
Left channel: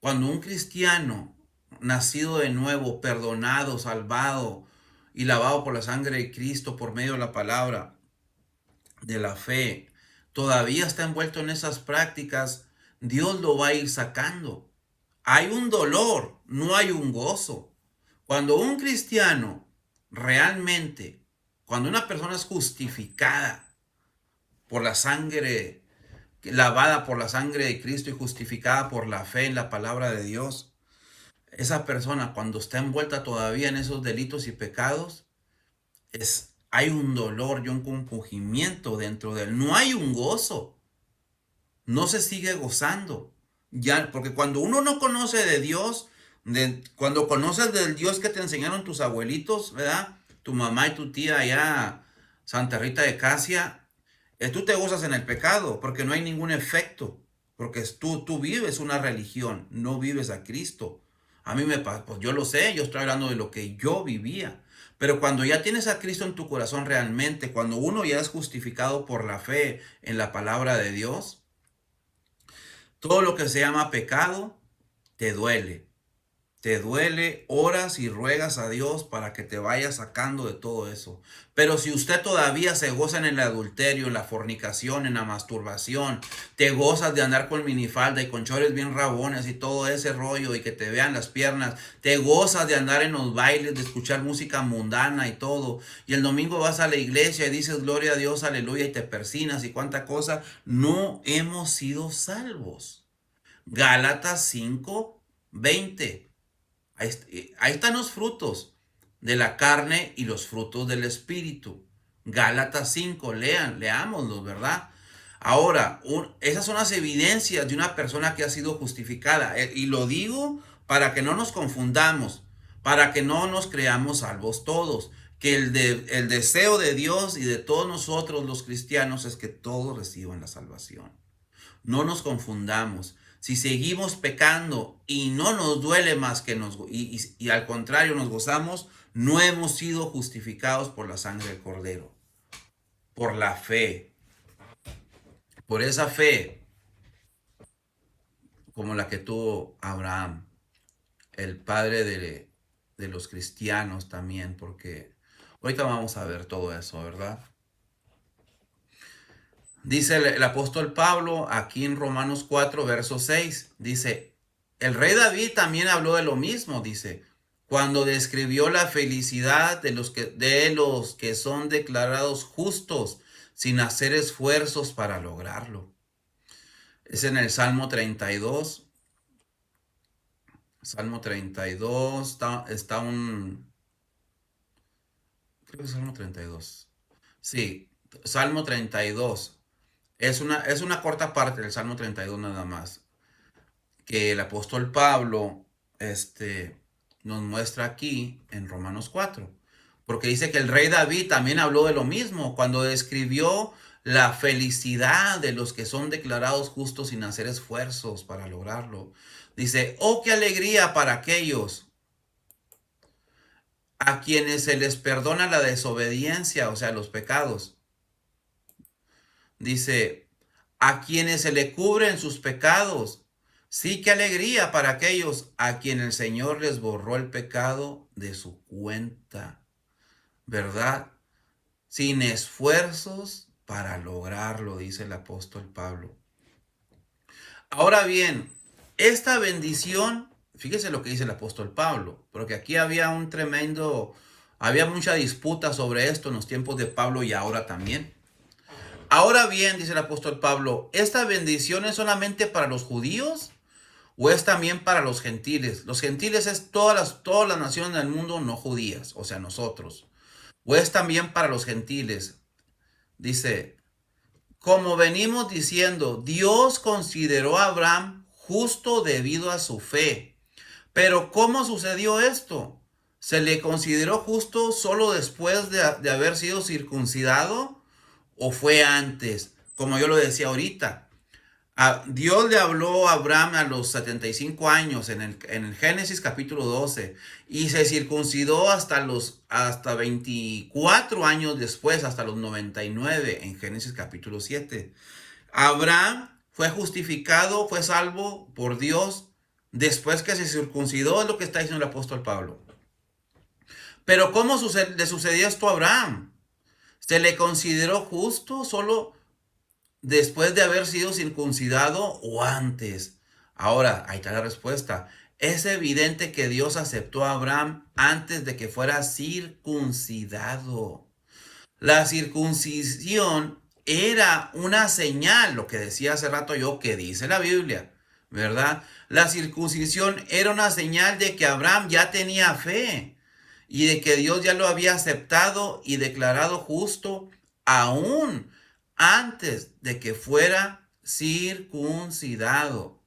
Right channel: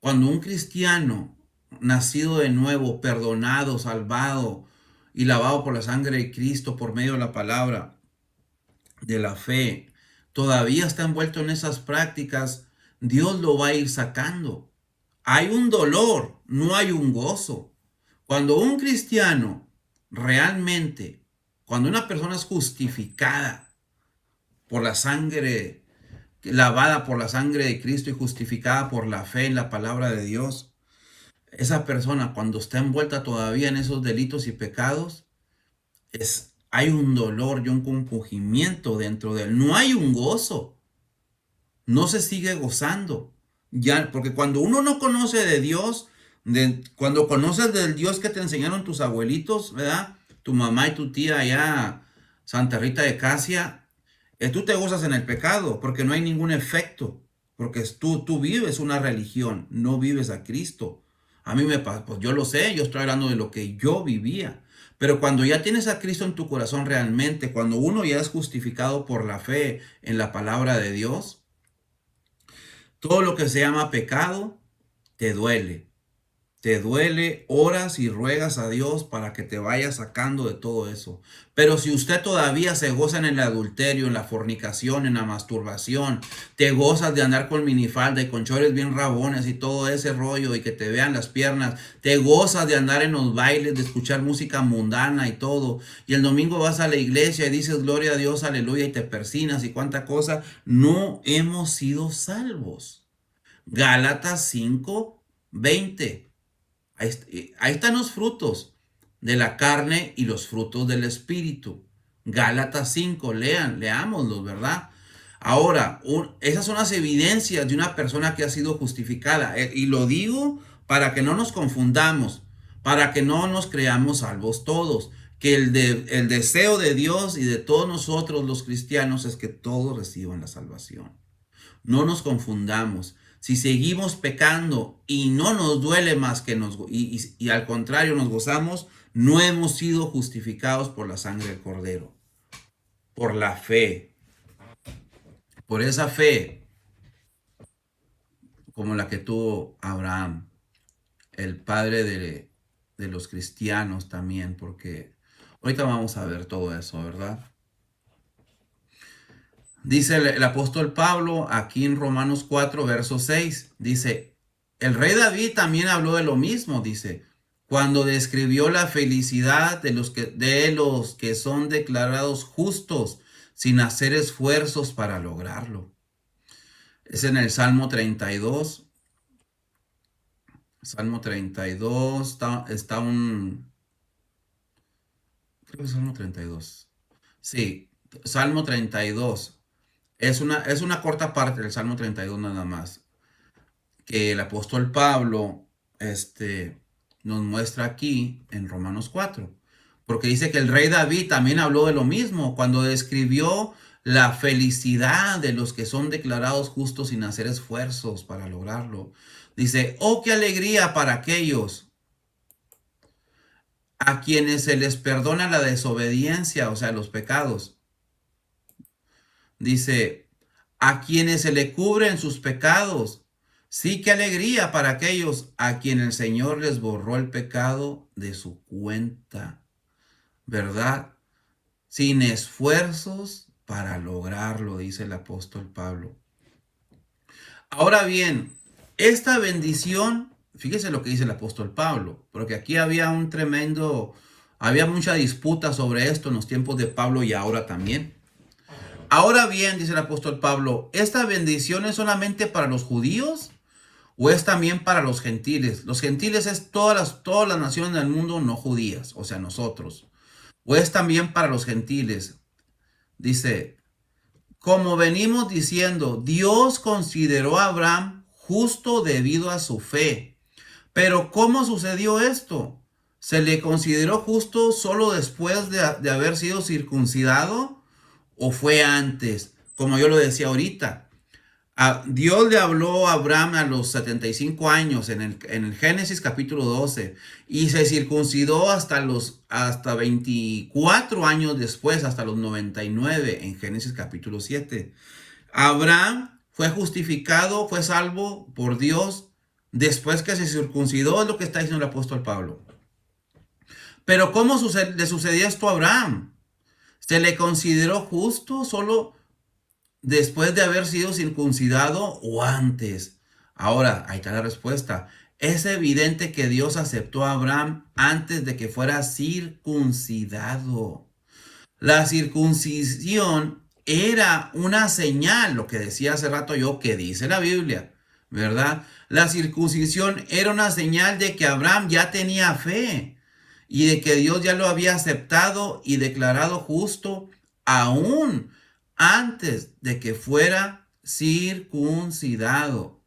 Cuando un cristiano nacido de nuevo, perdonado, salvado y lavado por la sangre de Cristo por medio de la palabra de la fe, todavía está envuelto en esas prácticas, Dios lo va a ir sacando. Hay un dolor, no hay un gozo. Cuando un cristiano realmente, cuando una persona es justificada por la sangre, lavada por la sangre de Cristo y justificada por la fe en la palabra de Dios, esa persona cuando está envuelta todavía en esos delitos y pecados, hay un dolor y un compugimiento dentro de él. No hay un gozo. No se sigue gozando. Ya, porque cuando uno no conoce de Dios, cuando conoces del Dios que te enseñaron tus abuelitos, ¿verdad? Tu mamá y tu tía allá, Santa Rita de Casia, tú te gozas en el pecado porque no hay ningún efecto. Porque tú vives una religión, no vives a Cristo. A mí me pasa, pues yo lo sé, yo estoy hablando de lo que yo vivía. Pero cuando ya tienes a Cristo en tu corazón realmente, cuando uno ya es justificado por la fe en la palabra de Dios, todo lo que se llama pecado te duele. Te duele, oras y ruegas a Dios para que te vaya sacando de todo eso. Pero si usted todavía se goza en el adulterio, en la fornicación, en la masturbación, te gozas de andar con minifalda y con chores bien rabones y todo ese rollo y que te vean las piernas, te gozas de andar en los bailes, de escuchar música mundana y todo, y el domingo vas a la iglesia y dices gloria a Dios, aleluya, y te persinas y cuánta cosa, no hemos sido salvos. Gálatas 5:20. Ahí están los frutos de la carne y los frutos del espíritu. Gálatas 5, leámoslos, ¿verdad? Ahora, esas son las evidencias de una persona que ha sido justificada. Y lo digo para que no nos confundamos, para que no nos creamos salvos todos. Que el deseo de Dios y de todos nosotros los cristianos es que todos reciban la salvación. No nos confundamos. si seguimos pecando y no nos duele más que y al contrario nos gozamos, no hemos sido justificados por la sangre del Cordero, por la fe, por esa fe como la que tuvo Abraham, el padre de los cristianos también, porque ahorita vamos a ver todo eso, ¿verdad? Dice el apóstol Pablo aquí en Romanos 4, verso 6, dice, el rey David también habló de lo mismo, dice, cuando describió la felicidad de los que son declarados justos sin hacer esfuerzos para lograrlo. Es en el Salmo 32. Salmo 32, está creo que es Salmo 32. Sí, Salmo 32. Es una corta parte del Salmo 32 nada más, que el apóstol Pablo nos muestra aquí en Romanos 4, porque dice que el rey David también habló de lo mismo cuando describió la felicidad de los que son declarados justos sin hacer esfuerzos para lograrlo. Dice, oh, qué alegría para aquellos a quienes se les perdona la desobediencia, o sea, los pecados. Dice, a quienes se le cubren sus pecados. Sí, qué alegría para aquellos a quienes el Señor les borró el pecado de su cuenta, ¿verdad? Sin esfuerzos para lograrlo, dice el apóstol Pablo. Ahora bien, esta bendición, fíjese lo que dice el apóstol Pablo, porque aquí había había mucha disputa sobre esto en los tiempos de Pablo y ahora también. Ahora bien, dice el apóstol Pablo, ¿esta bendición es solamente para los judíos o es también para los gentiles? Los gentiles es todas las naciones del mundo no judías, o sea, nosotros. ¿O es también para los gentiles? Dice, como venimos diciendo, Dios consideró a Abraham justo debido a su fe. Pero ¿cómo sucedió esto? ¿Se le consideró justo solo después de haber sido circuncidado? ¿O fue antes? Como yo lo decía ahorita. Dios le habló a Abraham a los 75 años en el Génesis capítulo 12 y se circuncidó hasta 24 años después, hasta los 99 en Génesis capítulo 7. Abraham fue justificado, fue salvo por Dios después que se circuncidó, es lo que está diciendo el apóstol Pablo. Pero ¿cómo le sucedió esto a Abraham? ¿Se le consideró justo solo después de haber sido circuncidado o antes? Ahora, ahí está la respuesta. Es evidente que Dios aceptó a Abraham antes de que fuera circuncidado. La circuncisión era una señal, lo que decía hace rato yo, que dice la Biblia, ¿verdad? La circuncisión era una señal de que Abraham ya tenía fe y de que Dios ya lo había aceptado y declarado justo aún antes de que fuera circuncidado.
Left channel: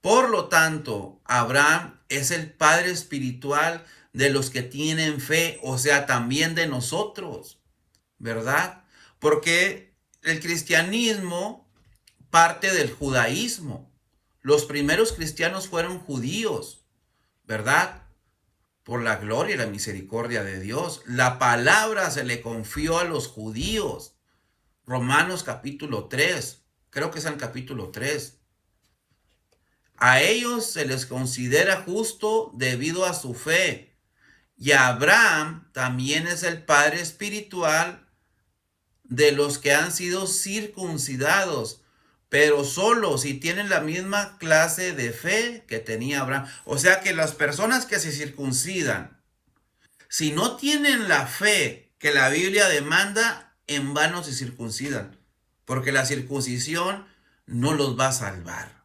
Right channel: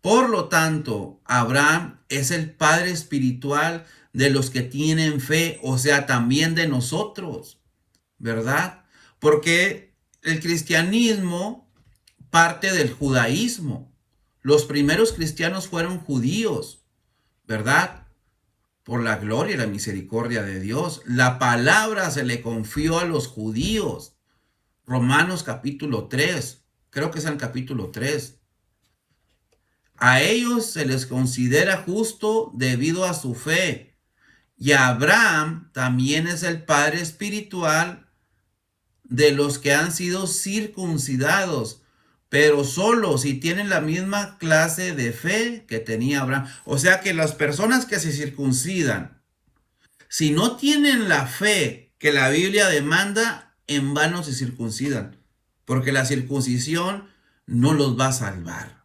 Por lo tanto, Abraham es el padre espiritual de los que tienen fe, o sea, también de nosotros, ¿verdad? Porque el cristianismo parte del judaísmo. Los primeros cristianos fueron judíos, ¿verdad? Por la gloria y la misericordia de Dios. La palabra se le confió a los judíos. Romanos capítulo 3, creo que es el capítulo 3. A ellos se les considera justo debido a su fe. Y Abraham también es el padre espiritual de los que han sido circuncidados, pero solo si tienen la misma clase de fe que tenía Abraham. O sea que las personas que se circuncidan, si no tienen la fe que la Biblia demanda, en vano se circuncidan, porque la circuncisión no los va a salvar.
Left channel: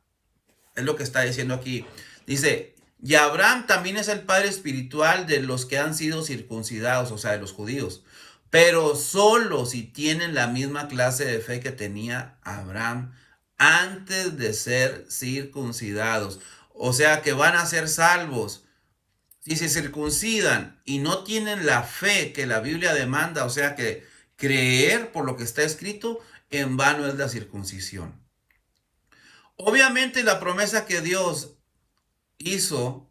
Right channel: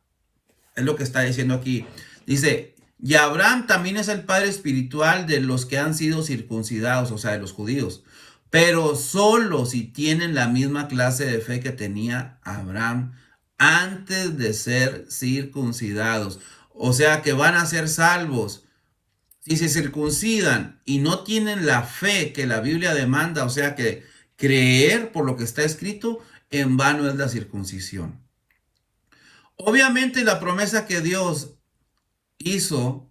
Es lo que está diciendo aquí. Dice, y Abraham también es el padre espiritual de los que han sido circuncidados, o sea, de los judíos, pero solo si tienen la misma clase de fe que tenía Abraham antes de ser circuncidados. O sea, que van a ser salvos si se circuncidan y no tienen la fe que la Biblia demanda, o sea, que creer por lo que está escrito, en vano es la circuncisión. Obviamente la promesa que Dios hizo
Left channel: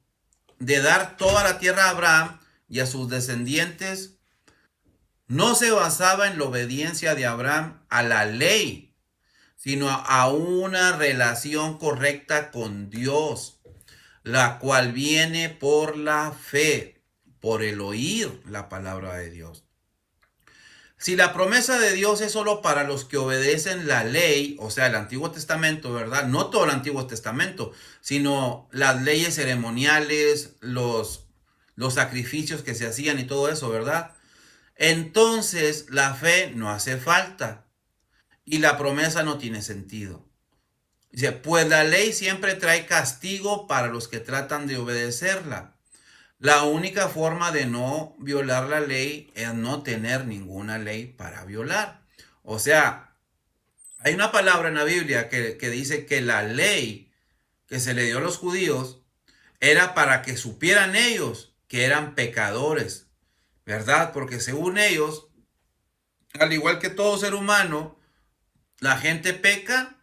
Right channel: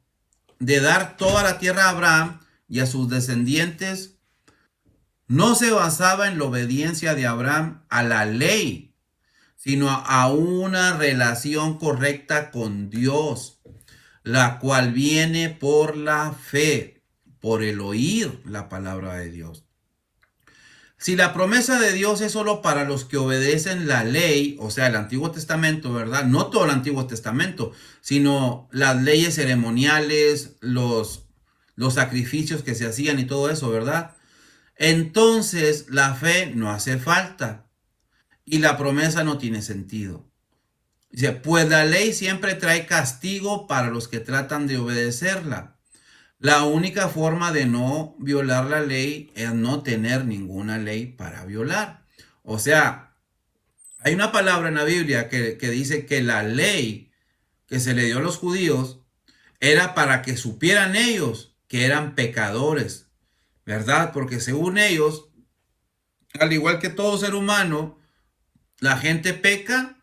de dar toda la tierra a Abraham y a sus descendientes no se basaba en la obediencia de Abraham a la ley, sino a una relación correcta con Dios, la cual viene por la fe, por el oír la palabra de Dios. Si la promesa de Dios es solo para los que obedecen la ley, o sea, el Antiguo Testamento, ¿verdad? No todo el Antiguo Testamento, sino las leyes ceremoniales, los sacrificios que se hacían y todo eso, ¿verdad? Entonces la fe no hace falta y la promesa no tiene sentido. Dice, pues la ley siempre trae castigo para los que tratan de obedecerla. La única forma de no violar la ley es no tener ninguna ley para violar. O sea, hay una palabra en la Biblia que dice que la ley que se le dio a los judíos era para que supieran ellos que eran pecadores, ¿verdad? Porque según ellos, al igual que todo ser humano, la gente peca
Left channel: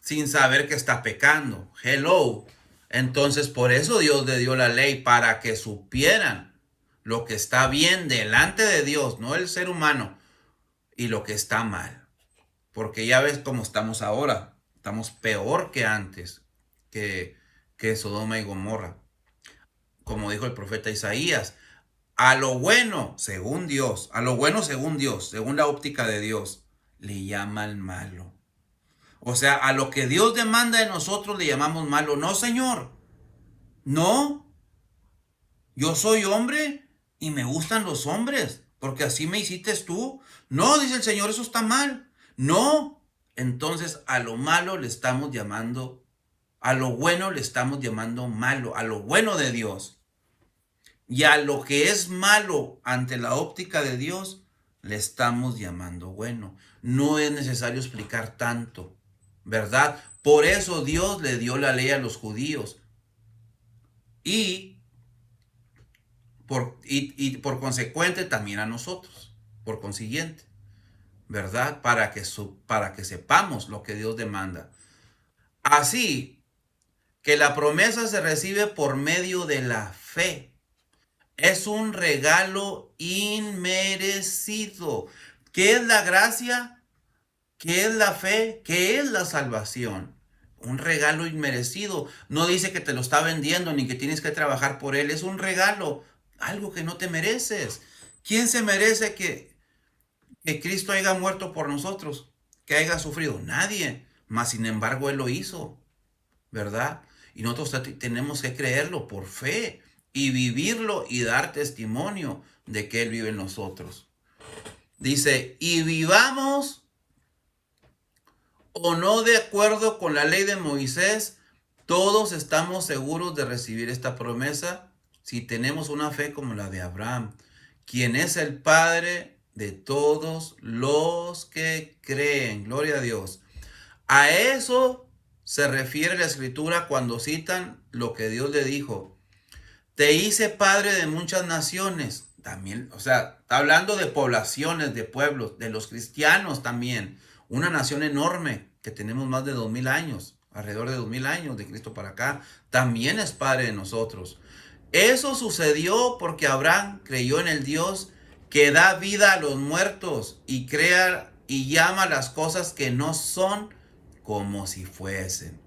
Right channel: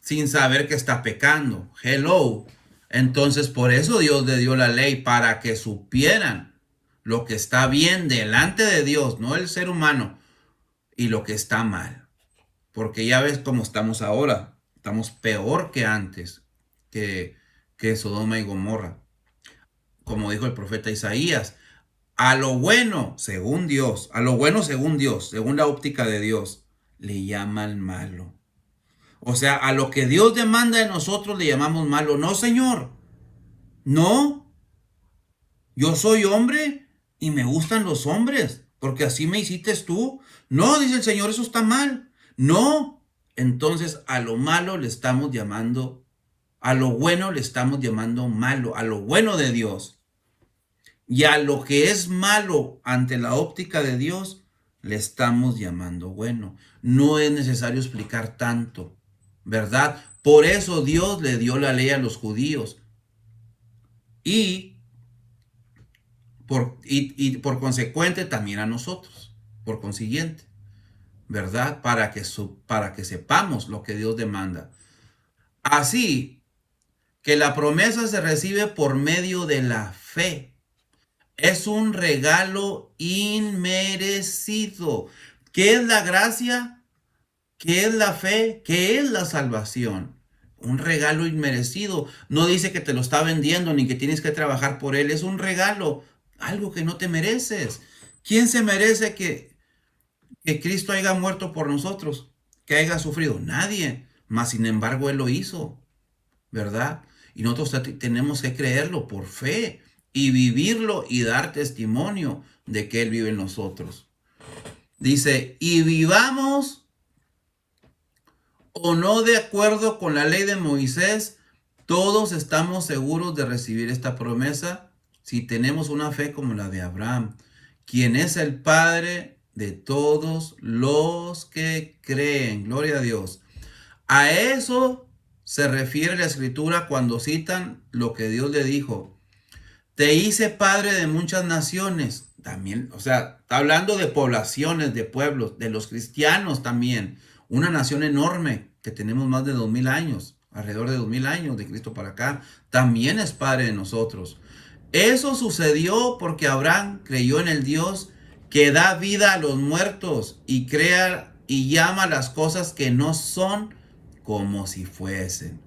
sin saber que está pecando. Hello. Entonces, por eso Dios le dio la ley, para que supieran lo que está bien delante de Dios, no el ser humano, y lo que está mal. Porque ya ves cómo estamos ahora. Estamos peor que antes, que Sodoma y Gomorra. Como dijo el profeta Isaías, a lo bueno, según Dios, a lo bueno según Dios, según la óptica de Dios, le llaman malo. O sea, a lo que Dios demanda de nosotros le llamamos malo. No, Señor. No. Yo soy hombre y me gustan los hombres, porque así me hiciste tú. No, dice el Señor, eso está mal. No. Entonces a lo malo le estamos llamando, a lo bueno le estamos llamando malo, a lo bueno de Dios. Y a lo que es malo ante la óptica de Dios, le estamos llamando bueno. No es necesario explicar tanto, ¿verdad? Por eso Dios le dio la ley a los judíos. Y por consecuente también a nosotros. Por consiguiente, ¿verdad? Para que sepamos lo que Dios demanda. Así que la promesa se recibe por medio de la fe. Es un regalo inmerecido. ¿Qué es la gracia? ¿Qué es la fe? ¿Qué es la salvación? Un regalo inmerecido. No dice que te lo está vendiendo ni que tienes que trabajar por él. Es un regalo, algo que no te mereces. ¿Quién se merece que Cristo haya muerto por nosotros? Que haya sufrido. Nadie. Mas sin embargo, Él lo hizo, ¿verdad? Y nosotros tenemos que creerlo por fe y vivirlo y dar testimonio de que Él vive en nosotros. Dice, y vivamos o no de acuerdo con la ley de Moisés, todos estamos seguros de recibir esta promesa si tenemos una fe como la de Abraham, quien es el Padre de todos los que creen. Gloria a Dios. A eso se refiere la Escritura cuando citan lo que Dios le dijo. Te hice padre de muchas naciones. También, o sea, está hablando de poblaciones, de pueblos, de los cristianos también. Una nación enorme que tenemos más de 2000 años, alrededor de 2000 años de Cristo para acá. También es padre de nosotros. Eso sucedió porque Abraham creyó en el Dios que da vida a los muertos y crea y llama las cosas que no son como si fuesen.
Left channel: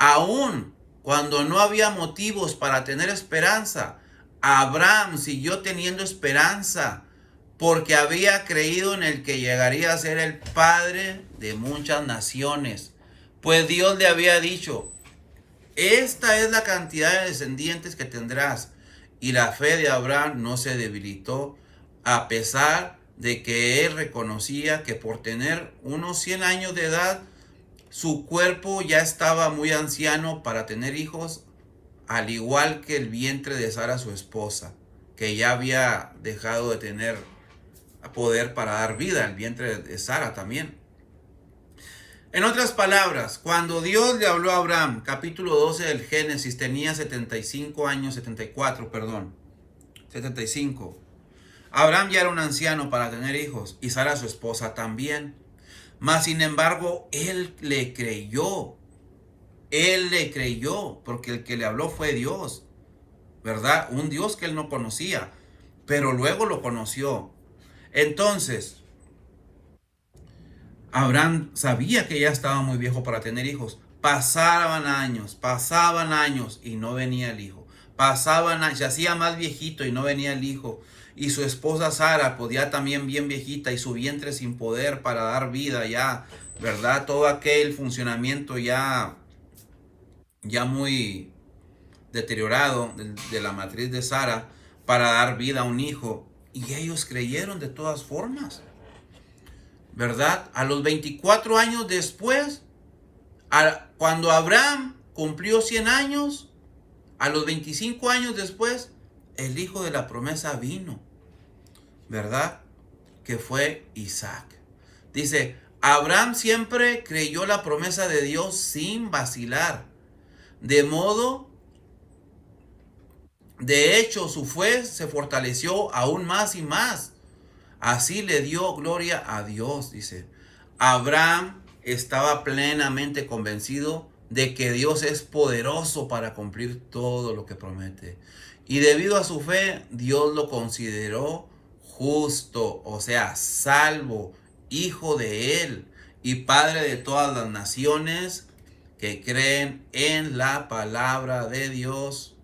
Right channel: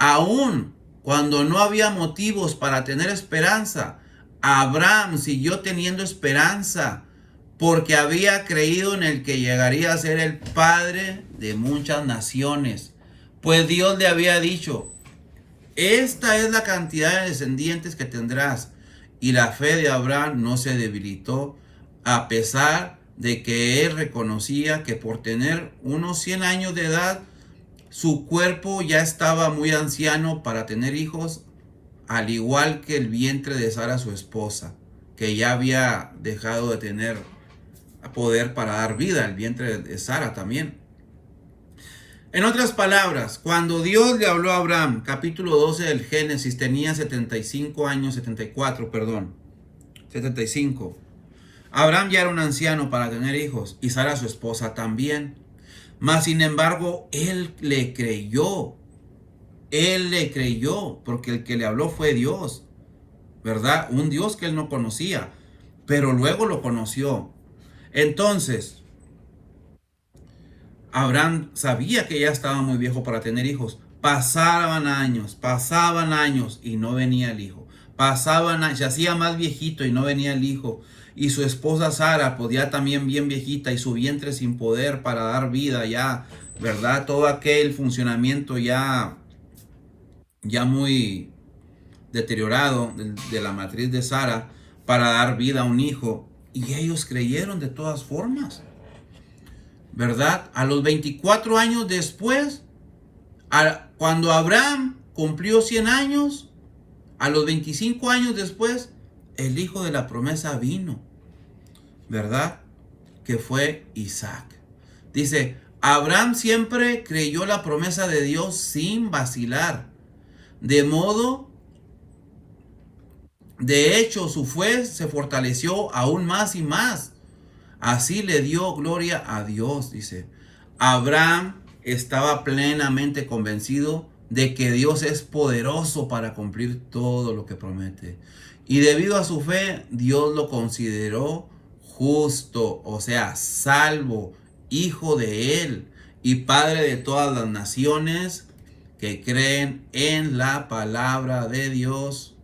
Aún cuando no había motivos para tener esperanza, Abraham siguió teniendo esperanza porque había creído en el que llegaría a ser el padre de muchas naciones. Pues Dios le había dicho, esta es la cantidad de descendientes que tendrás. Y la fe de Abraham no se debilitó, a pesar de que él reconocía que por tener unos 100 años de edad, su cuerpo ya estaba muy anciano para tener hijos, al igual que el vientre de Sara, su esposa, que ya había dejado de tener poder para dar vida, el vientre de Sara también. En otras palabras, cuando Dios le habló a Abraham, capítulo 12 del Génesis, tenía 75 años, 75. Abraham ya era un anciano para tener hijos, y Sara, su esposa, también. Mas, sin embargo, él le creyó él le creyó, porque el que le habló fue Dios, ¿verdad? Un Dios que él no conocía, pero luego lo conoció. Entonces, Abraham sabía que ya estaba muy viejo para tener hijos. Pasaban años y no venía el hijo. Pasaban años, se hacía más viejito y no venía el hijo. Y su esposa Sara podía también bien viejita y su vientre sin poder para dar vida ya, ¿verdad? Todo aquel funcionamiento ya muy deteriorado de la matriz de Sara para dar vida a un hijo. Y ellos creyeron de todas formas, ¿verdad? A los 24 años después, cuando Abraham cumplió 100 años, a los 25 años después, el hijo de la promesa vino, ¿verdad? Que fue Isaac. Dice, Abraham siempre creyó la promesa de Dios sin vacilar. De hecho, su fe se fortaleció aún más y más. Así le dio gloria a Dios, dice. Abraham estaba plenamente convencido de que Dios es poderoso para cumplir todo lo que promete. Y debido a su fe, Dios lo consideró justo, o sea, salvo, hijo de él y padre de todas las naciones que creen en la palabra de Dios.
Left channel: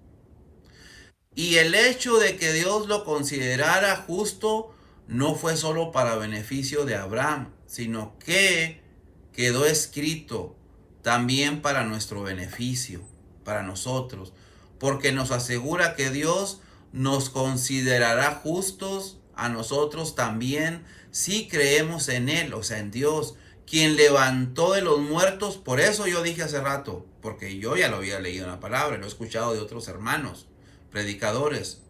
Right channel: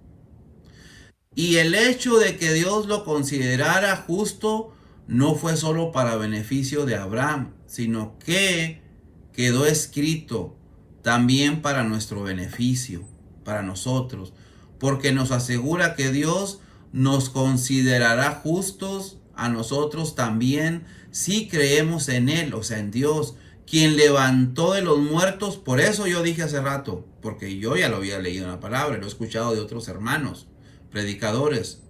Y el hecho de que Dios lo considerara justo no fue solo para beneficio de Abraham, sino que quedó escrito también para nuestro beneficio, para nosotros, porque nos asegura que Dios nos considerará justos a nosotros también si creemos en Él, o sea, en Dios, quien levantó de los muertos. Por eso yo dije hace rato, porque yo ya lo había leído en la palabra, lo he escuchado de otros hermanos predicadores,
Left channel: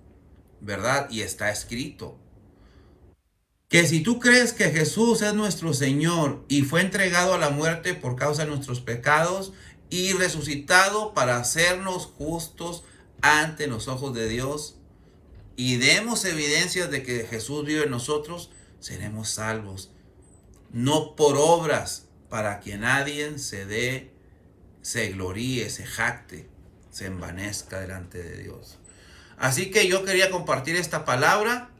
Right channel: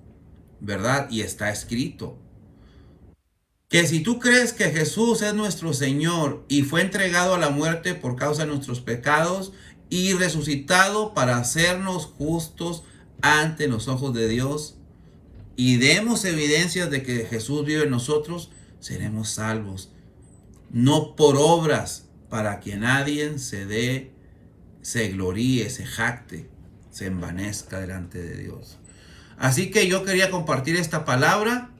¿verdad? Y está escrito que si tú crees que Jesús es nuestro Señor y fue entregado a la muerte por causa de nuestros pecados y resucitado para hacernos justos ante los ojos de Dios, y demos evidencias de que Jesús vive en nosotros, seremos salvos. No por obras, para que nadie se gloríe, se jacte, se envanezca delante de Dios. Así que yo quería compartir esta palabra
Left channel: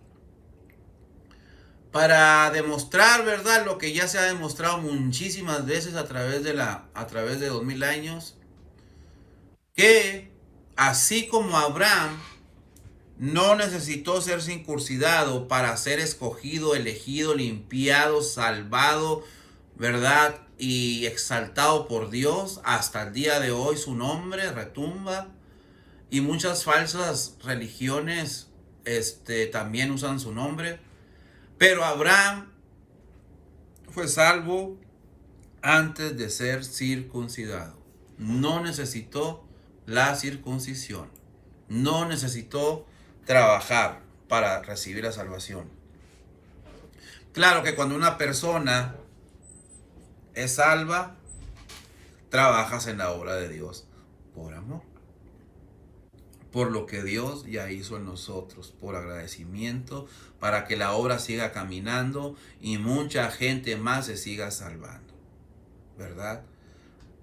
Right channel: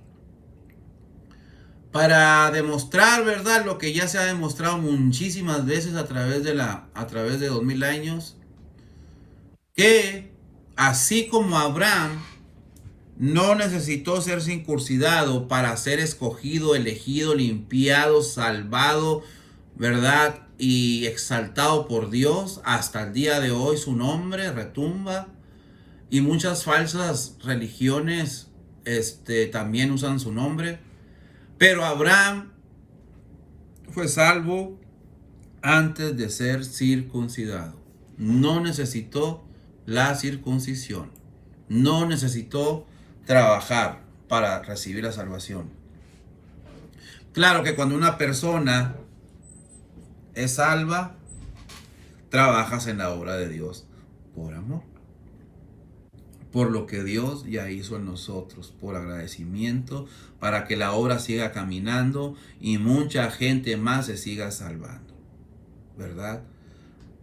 para demostrar, ¿verdad?, lo que ya se ha demostrado muchísimas veces a través de 2000 años, que así como Abraham no necesitó ser circuncidado para ser escogido, elegido, limpiado, salvado, ¿verdad?, y exaltado por Dios, hasta el día de hoy su nombre retumba. Y muchas falsas religiones también usan su nombre. Pero Abraham fue salvo antes de ser circuncidado. No necesitó la circuncisión. No necesitó trabajar para recibir la salvación. Claro que cuando una persona es salva, trabajas en la obra de Dios por amor, por lo que Dios ya hizo en nosotros, por agradecimiento, para que la obra siga caminando y mucha gente más se siga salvando, ¿verdad?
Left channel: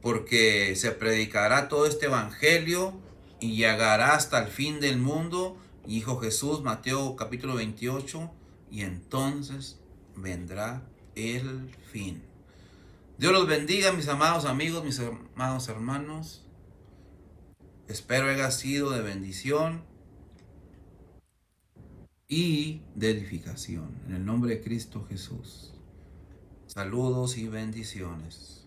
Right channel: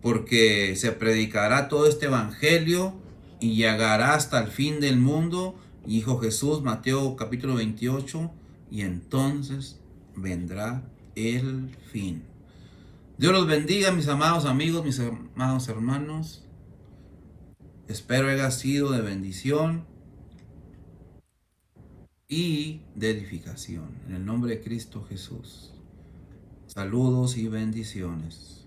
Porque se predicará todo este evangelio y llegará hasta el fin del mundo, dijo Jesús, Mateo capítulo 28, y entonces vendrá el fin. Dios los bendiga, mis amados amigos, mis amados hermanos. Espero haya sido de bendición y de edificación. En el nombre de Cristo Jesús. Saludos y bendiciones.